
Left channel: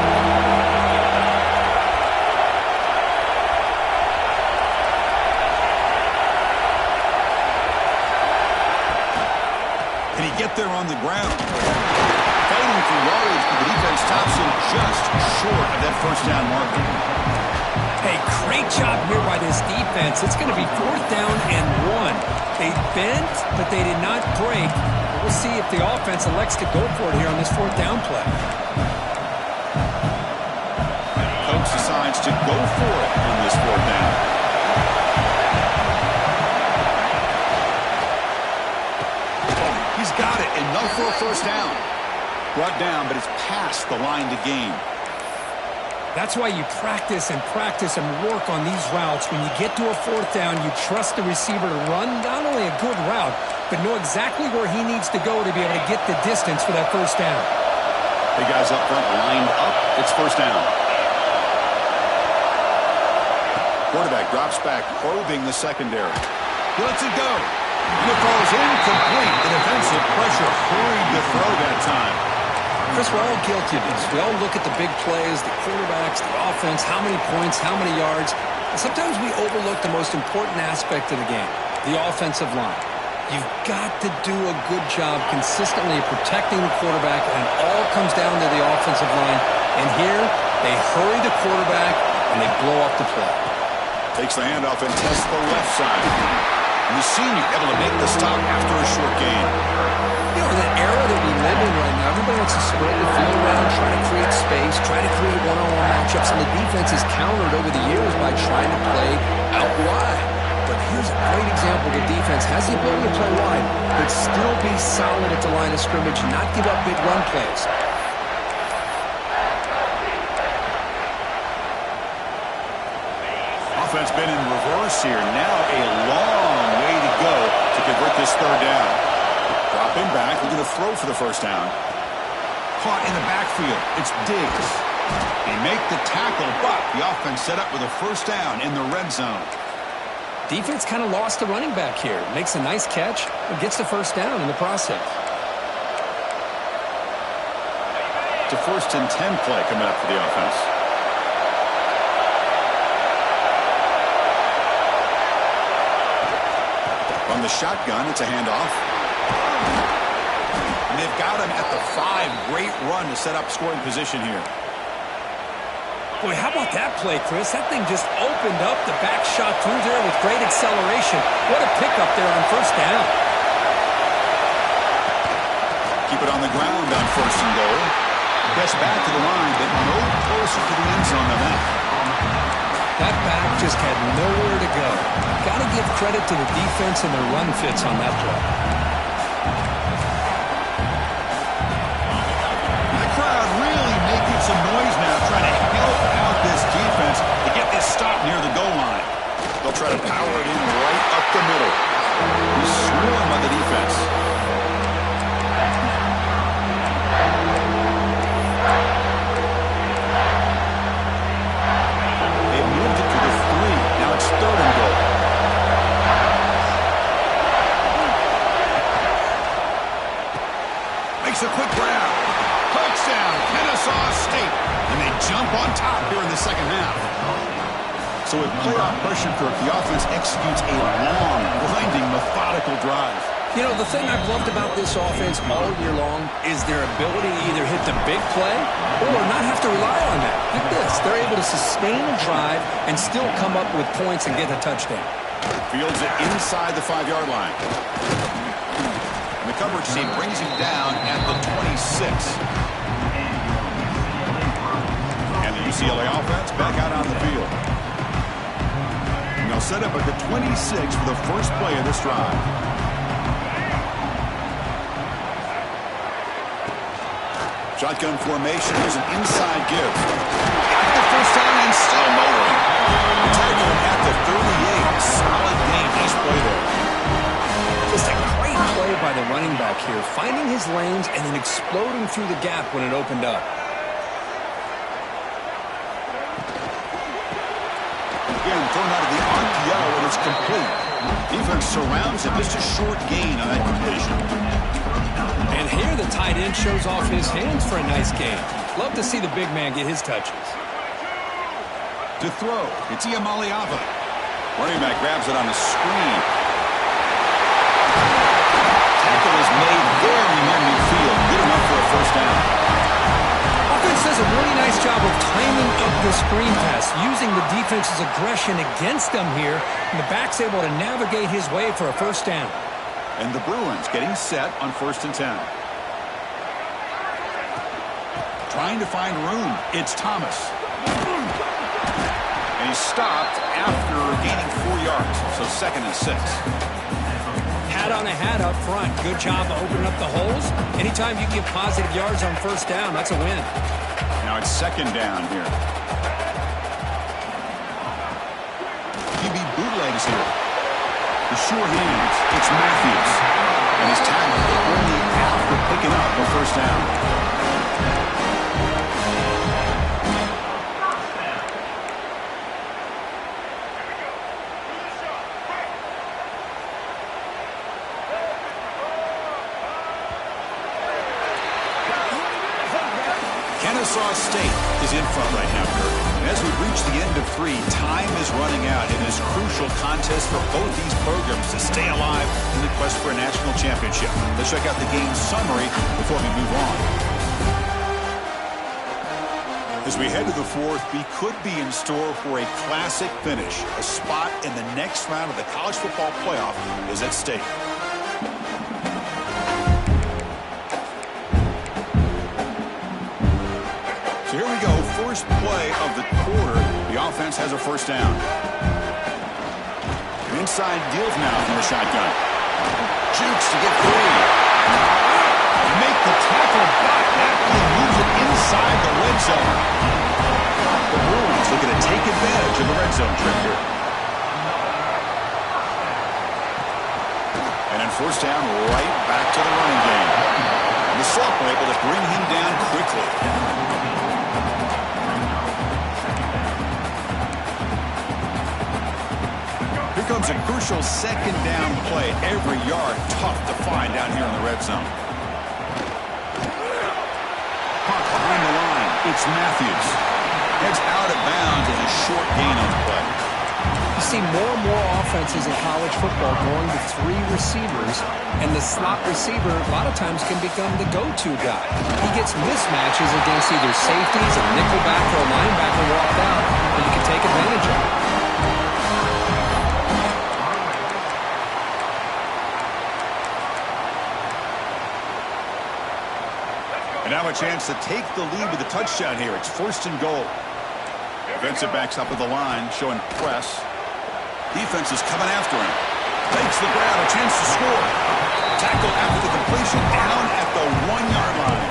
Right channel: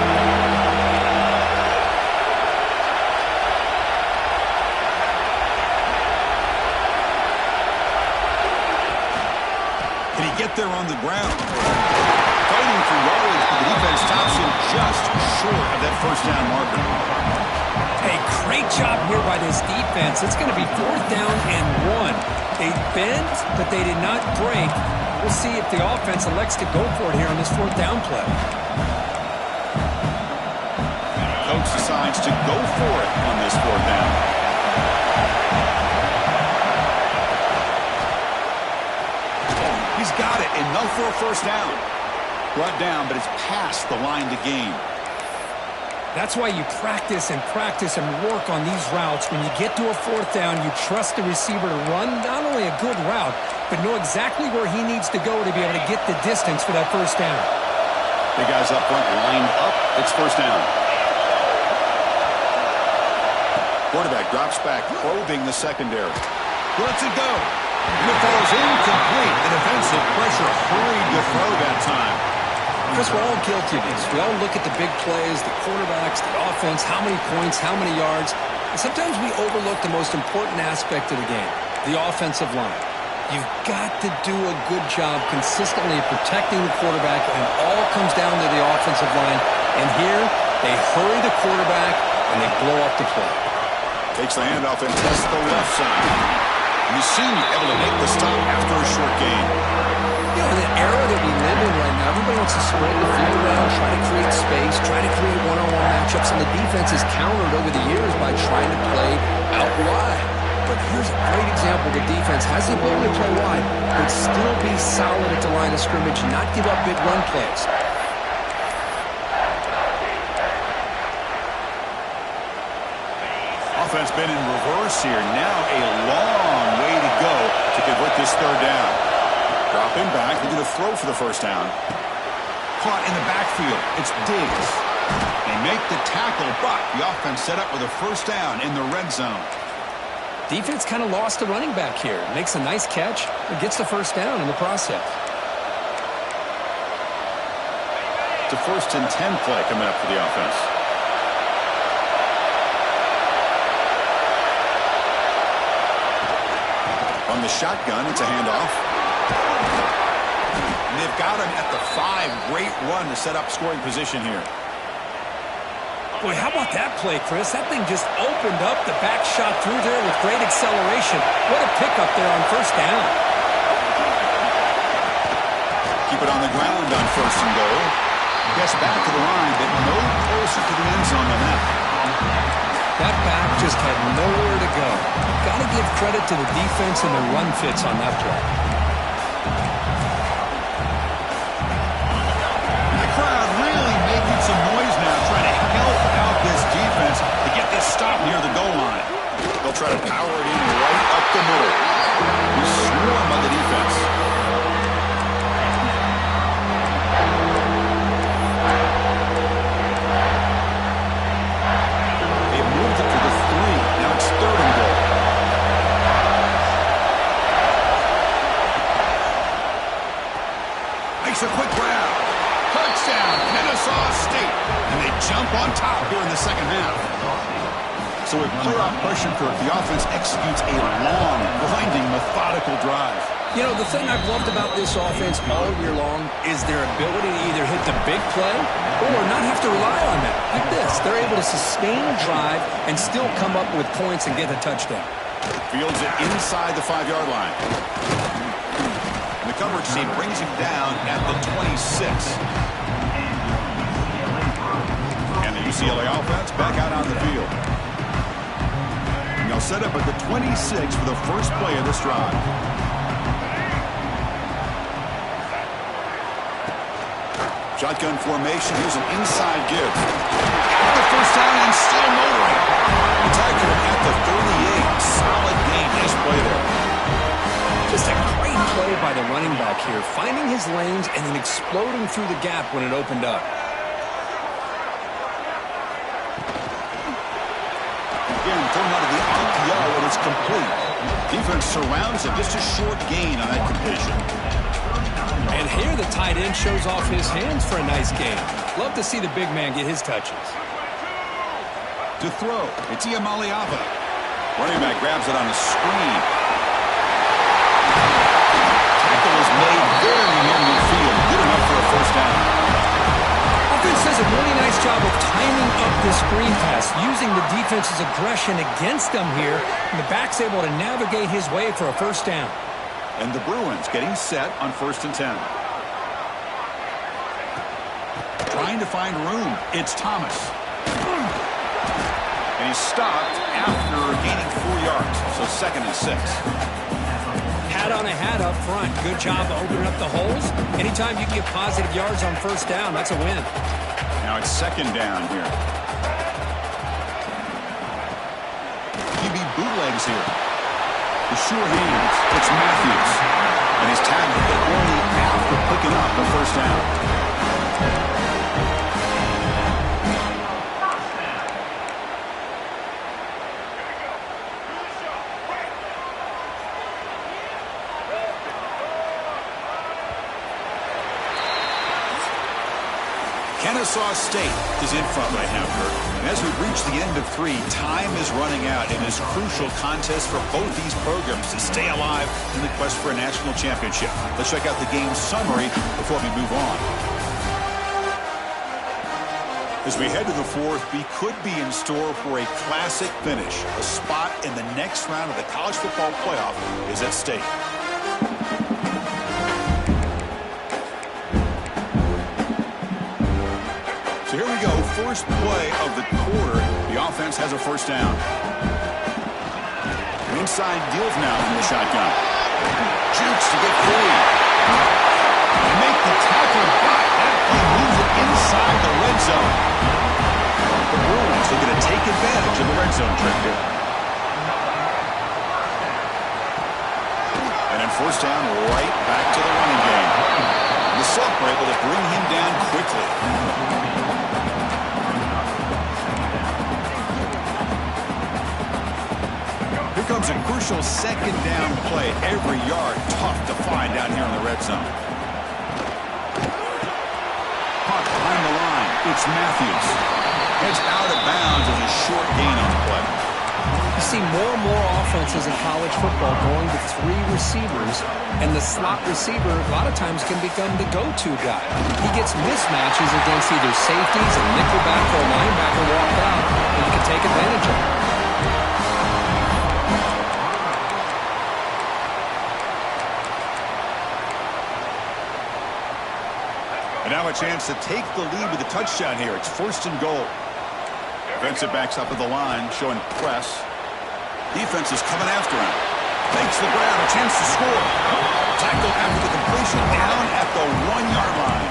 Can he get there on the ground? Fighting for yardage, but the defense stops him just short of that first down marker. A great job here by this defense. It's going to be 4th down and 1. They bent, but they did not break. We'll see if the offense elects to go for it here on this 4th down play. Coach decides to go for it on this 4th down. He's got it, enough for a first down. Brought down, but it's past the line to gain. That's why you practice and practice and work on these routes. When you get to a 4th down, you trust the receiver to run not only a good route, but know exactly where he needs to go to be able to get the distance for that first down. Big guys up front lined up. It's first down. Quarterback drops back, probing the secondary. He lets it go. And it falls incomplete. The defensive pressure hurried to throw that time. Chris, we're all guilty of this. We all look at the big plays, the quarterbacks, the offense, how many points, how many yards. And sometimes we overlook the most important aspect of the game, the offensive line. You've got to do a good job consistently protecting the quarterback, and it all comes down to the offensive line. And here, they hurry the quarterback, and they blow up the play. Takes the handoff and tests the left side. And the senior able to make the stop after a short gain. You know, in the era that we live in right now, everybody wants to spread the field around, try to create space, try to create one-on-one matchups, and the defense is countered over the years by trying to play out wide. But here's a great example. The defense has the ability to play wide, but still be solid at the line of scrimmage and not give up big run plays. Offense been in reverse here. Now a long way to go to convert this third down. Dropping back. They're going to throw for the first down. Caught in the backfield. It's Diggs. They make the tackle, but the offense set up with a first down in the red zone. Defense kind of lost the running back here. Makes a nice catch and gets the first down in the process. It's a 1st and 10 play coming up for the offense. On the shotgun, it's a handoff. And they've got him at the 5. Great run to set up scoring position here. Boy, how about that play, Chris? That thing just opened up. The back shot through there with great acceleration. What a pickup there on first down. Keep it on the ground on 1st and goal. Gets back to the line, but no closer to the end zone than that. That back just had nowhere to go. Got to give credit to the defense and their run fits on that play. And the crowd really making some noise now, trying to help out this defense to get this stop near the goal line. They'll try to power it in right up the middle. We swarm on the defense. They've moved it to the 3. Now it's 3rd and goal. Makes a quick grab. Touchdown, Kennesaw State. And they jump on top here in the second half. So with playoff pressure, Kirk, the offense executes a long, grinding, methodical drive. You know, the thing I've loved about this offense all year long is their ability to either hit the big play or not have to rely on that. Like this, they're able to sustain a drive and still come up with points and get a touchdown. Fields it inside the 5-yard line. And the coverage team brings him down at the 26. And the UCLA offense back out on the field. And they'll set up at the 26 for the first play of this drive. Shotgun formation. Here's an inside give. Got the first down and still motoring. The tackle at the 38. Solid gain. Nice play there. Just a great play by the running back here, finding his lanes and then exploding through the gap when it opened up. Again, thrown out of the RPO, and it's complete. Defense surrounds him. Just a short gain on that completion. And here the tight end shows off his hands for a nice gain. Love to see the big man get his touches. To throw, it's Iamaleava. Running back grabs it on a screen. Tackle is made very near midfield. Good enough for a first down. Offense does a really nice job of timing up the screen pass, using the defense's aggression against them here, and the back's able to navigate his way for a first down. And the Bruins getting set on 1st and 10. Trying to find room. It's Thomas. And he's stopped after gaining 4 yards. So 2nd and 6. Hat on a hat up front. Good job of opening up the holes. Anytime you get positive yards on first down, that's a win. Now it's 2nd down here. QB bootlegs here. The sure hands. It's Matthews. And he's tackled, but only after picking up the first down. Kennesaw State is in front right now, Kurt. And as we reach the end of 3, time is running out in this crucial contest for both these programs to stay alive in the quest for a national championship. Let's check out the game summary before we move on. As we head to the 4th, we could be in store for a classic finish. A spot in the next round of the college football playoff is at stake. So here we go, first play of the quarter. The offense has a first down. Inside deals now from the shotgun. Jukes to get free. They make the tackle, but that play moves it inside the red zone. The Bruins looking to take advantage of the red zone trick here. And then first down, right back to the running game. And the Sock were able to bring him down quickly. Here comes a crucial 2nd down play. Every yard tough to find down here in the red zone. Caught behind the line. It's Matthews. Heads out of bounds as a short gain on the play. You see more and more offenses in college football going to 3 receivers, and the slot receiver a lot of times can become the go-to guy. He gets mismatches against either safeties, a nickelback, or a linebacker walked out, and you can take advantage of it. And now a chance to take the lead with a touchdown here. It's 1st and goal. Defensive backs up at the line, showing press. Defense is coming after him. Takes the grab, a chance to score. Tackled after the completion, down at the 1-yard line.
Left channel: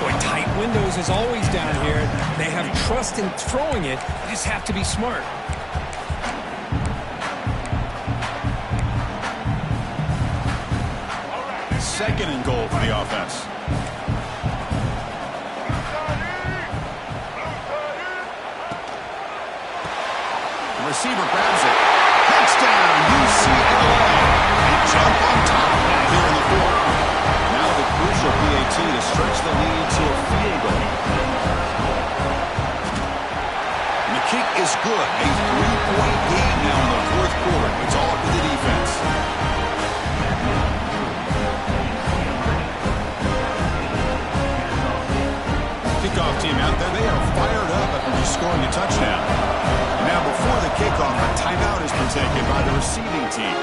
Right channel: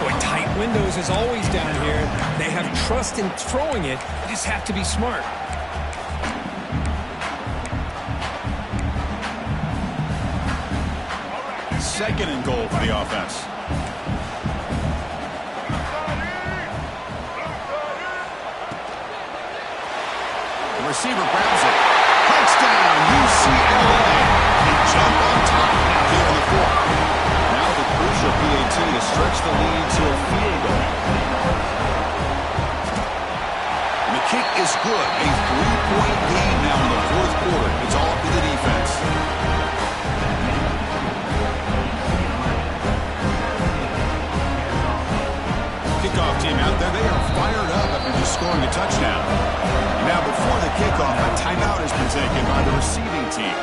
Boy, tight windows is always down here. They have trust in throwing it. They just have to be smart. Second and goal for the offense. The receiver grabs it. Touchdown, UCLA. They jump on top now here in the 4th. Now the crucial PAT to stretch the lead to a field goal. And the kick is good. A 3-point game now in the 4th quarter. It's all up to the defense. scoring a touchdown. And now before the kickoff, a timeout has been taken by the receiving team.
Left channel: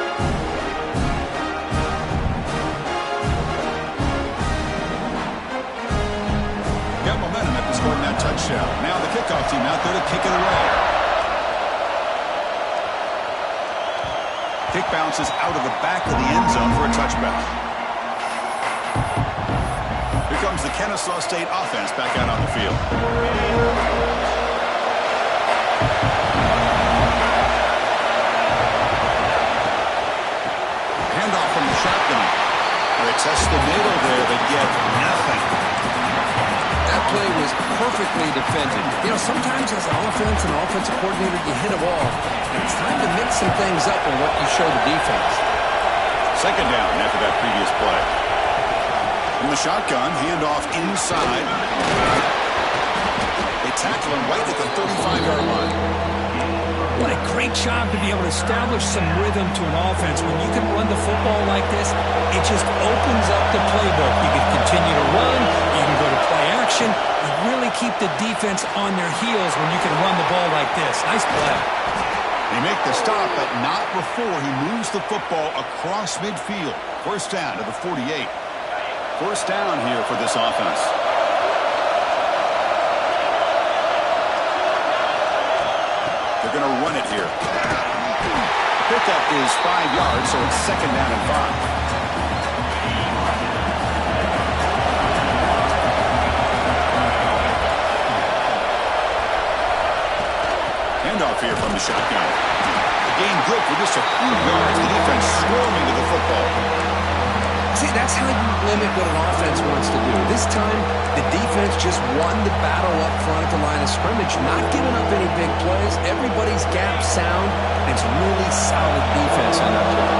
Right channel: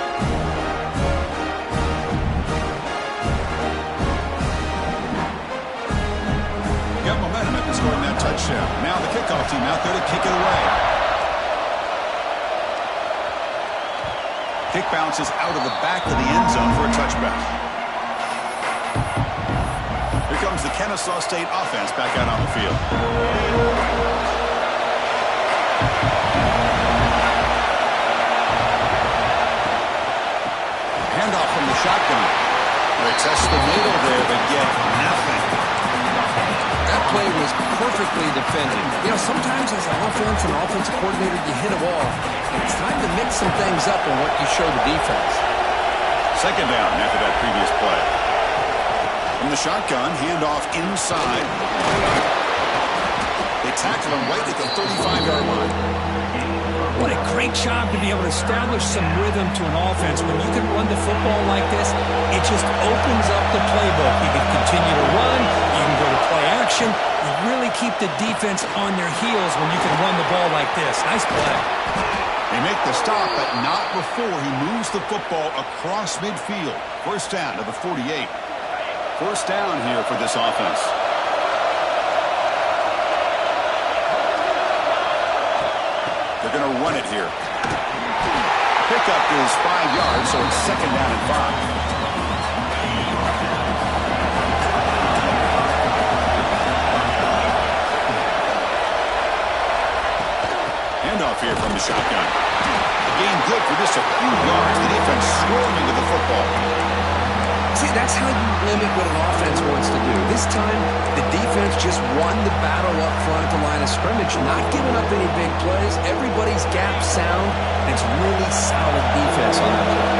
Got momentum after scoring that touchdown. Now the kickoff team out there to kick it away. Kick bounces out of the back of the end zone for a touchback. Here comes the Kennesaw State offense back out on the field. Handoff from the shotgun. They test the middle there, but get nothing. That play was perfectly defended. You know, sometimes as an offensive coordinator, you hit a wall. And it's time to mix some things up on what you show the defense. Second down after that previous play. From the shotgun, handoff inside. They tackle him right at the 35-yard line. What a great job to be able to establish some rhythm to an offense. When you can run the football like this, it just opens up the playbook. You can continue to run. You can go to play action. You really keep the defense on their heels when you can run the ball like this. Nice play. They make the stop, but not before he moves the football across midfield. First down to the 48. First down here for this offense. They're going to run it here. Pickup is 5 yards, so it's second down and 5. Handoff here from the shotgun. The gain good for just a few yards. The defense swarming to the football. See, that's how you limit what an offense wants to do. This time, the defense just won the battle up front at the line of scrimmage, not giving up any big plays. Everybody's gap sound, and it's really solid defense on that play.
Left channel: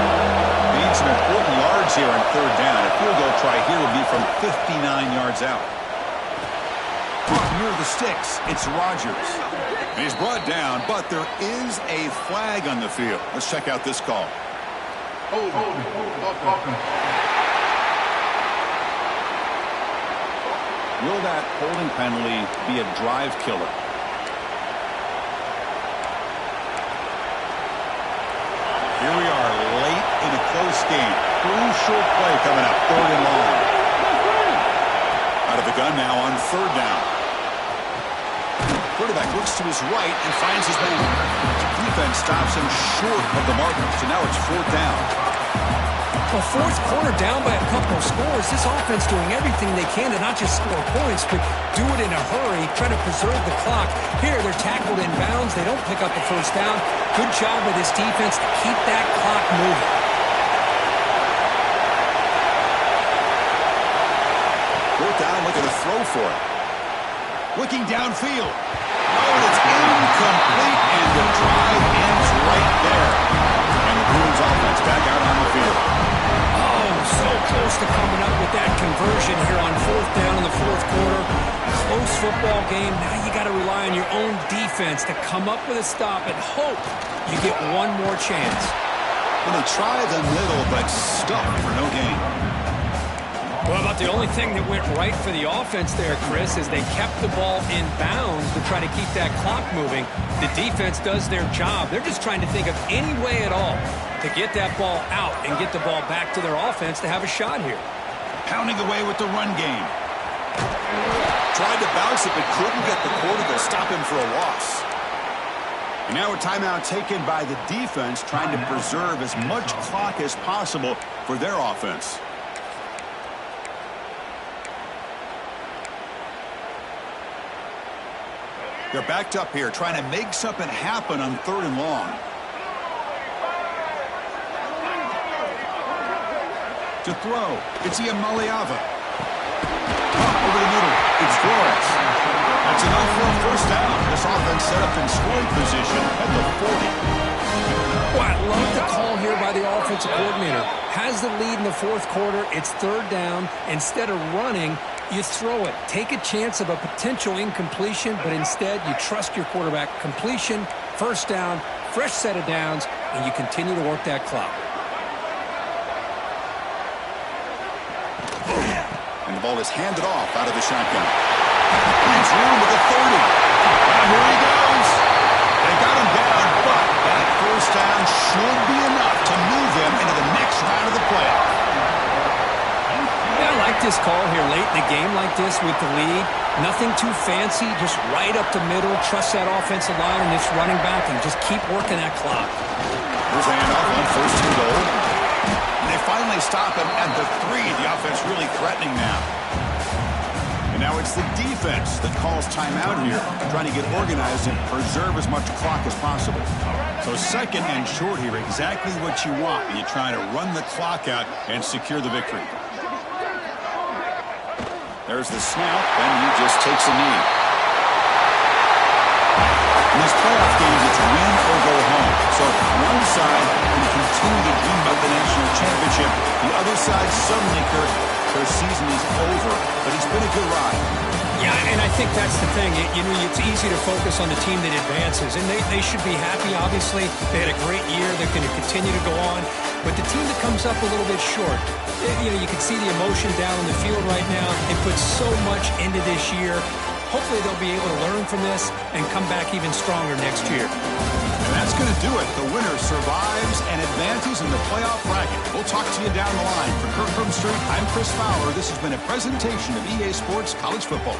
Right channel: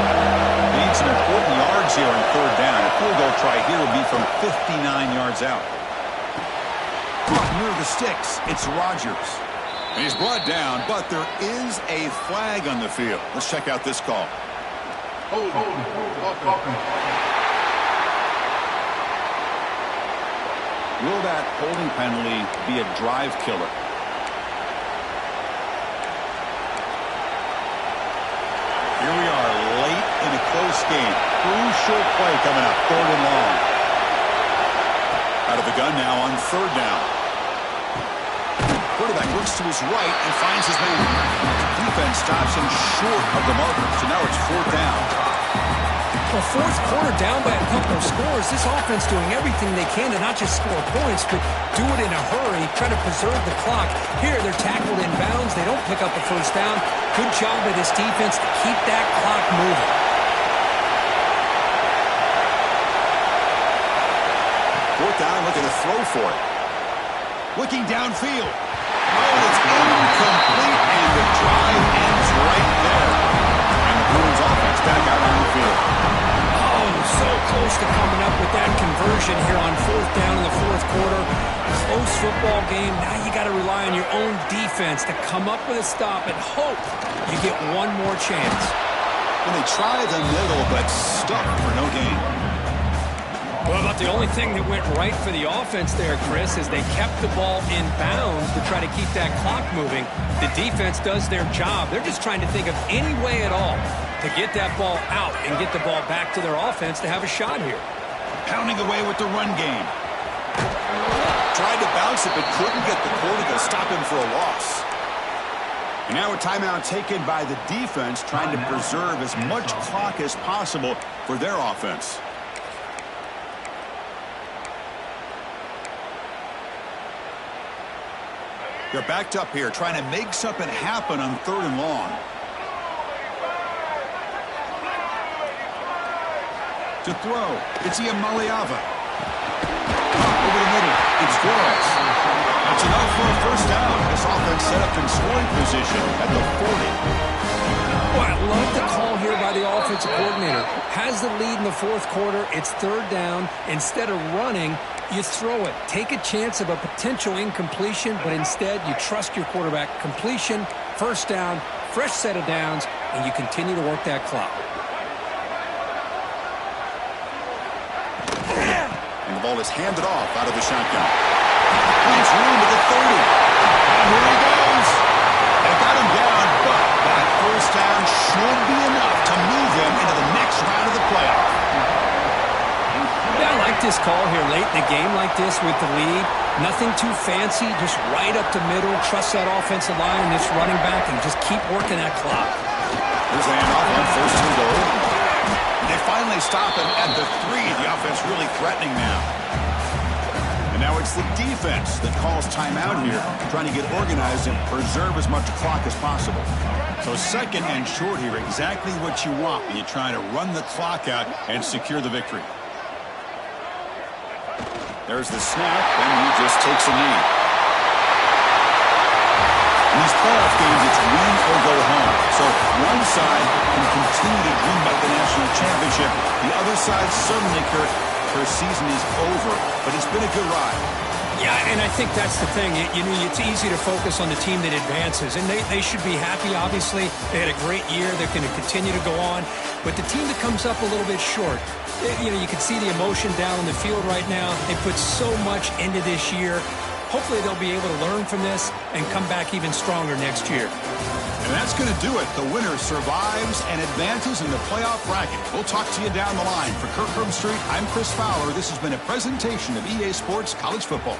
They need some important yards here on third down. A field goal try here will be from 59 yards out. Caught near the sticks. It's Rodgers. And he's brought down, but there is a flag on the field. Let's check out this call. Hold. Will that holding penalty be a drive killer? Here we are late in a close game. Crucial play coming up, third and long. Out of the gun now on third down. Quarterback looks to his right and finds his man. Defense stops him short of the marker, so now it's fourth down. Well, fourth quarter down by a couple of scores. This offense doing everything they can to not just score points, but do it in a hurry, try to preserve the clock. Here, they're tackled in bounds. They don't pick up the first down. Good job by this defense to keep that clock moving. Fourth down, looking to throw for it. Looking downfield. Oh, it's incomplete, and the drive ends right there. And the Bruins offense back out on the field. Oh, so close to coming up with that conversion here on fourth down in the fourth quarter. Close football game. Now you got to rely on your own defense to come up with a stop and hope you get one more chance. Well, they try the middle, but stuck for no gain. Well, about the only thing that went right for the offense there, Chris, is they kept the ball in bounds to try to keep that clock moving. The defense does their job. They're just trying to think of any way at all to get that ball out and get the ball back to their offense to have a shot here. Pounding away with the run game. Tried to bounce it, but couldn't get the quarter to stop him for a loss. And now a timeout taken by the defense, trying to preserve as much clock as possible for their offense. They're backed up here, trying to make something happen on third and long. To throw, it's Iamaleava. Over the middle, it's Flores. That's enough for a first down. This offense set up in scoring position at the 40. Well, I love the call here by the offensive coordinator. Has the lead in the fourth quarter. It's third down. Instead of running, you throw it. Take a chance of a potential incompletion, but instead you trust your quarterback. Completion, first down, fresh set of downs, and you continue to work that clock. And the ball is handed off out of the shotgun. Finds room at the 30. Here he goes. They got him down, but that first down should be enough to move them into the next round of the playoff. Yeah, I like this call here late in the game like this with the lead. Nothing too fancy, just right up the middle. Trust that offensive line and this running back and just keep working that clock. Here's the handoff on 1st and goal. And they finally stop him at the 3. The offense really threatening now. And now it's the defense that calls timeout here, trying to get organized and preserve as much clock as possible. So 2nd and short here, exactly what you want when you're trying to run the clock out and secure the victory. There's the snap, and he just takes a knee. In these playoff games, it's win or go home. So one side can continue to dream about the national championship. The other side suddenly, Kirk, her season is over, but it's been a good ride. Yeah, and I think that's the thing. You know, it's easy to focus on the team that advances, and they should be happy, obviously. They had a great year. They're going to continue to go on. But the team that comes up a little bit short, you know, you can see the emotion down on the field right now. They put so much into this year. Hopefully they'll be able to learn from this and come back even stronger next year. And that's going to do it. The winner survives and advances in the playoff bracket. We'll talk to you down the line. For Kirk Herbstreit, I'm Chris Fowler. This has been a presentation of EA Sports College Football.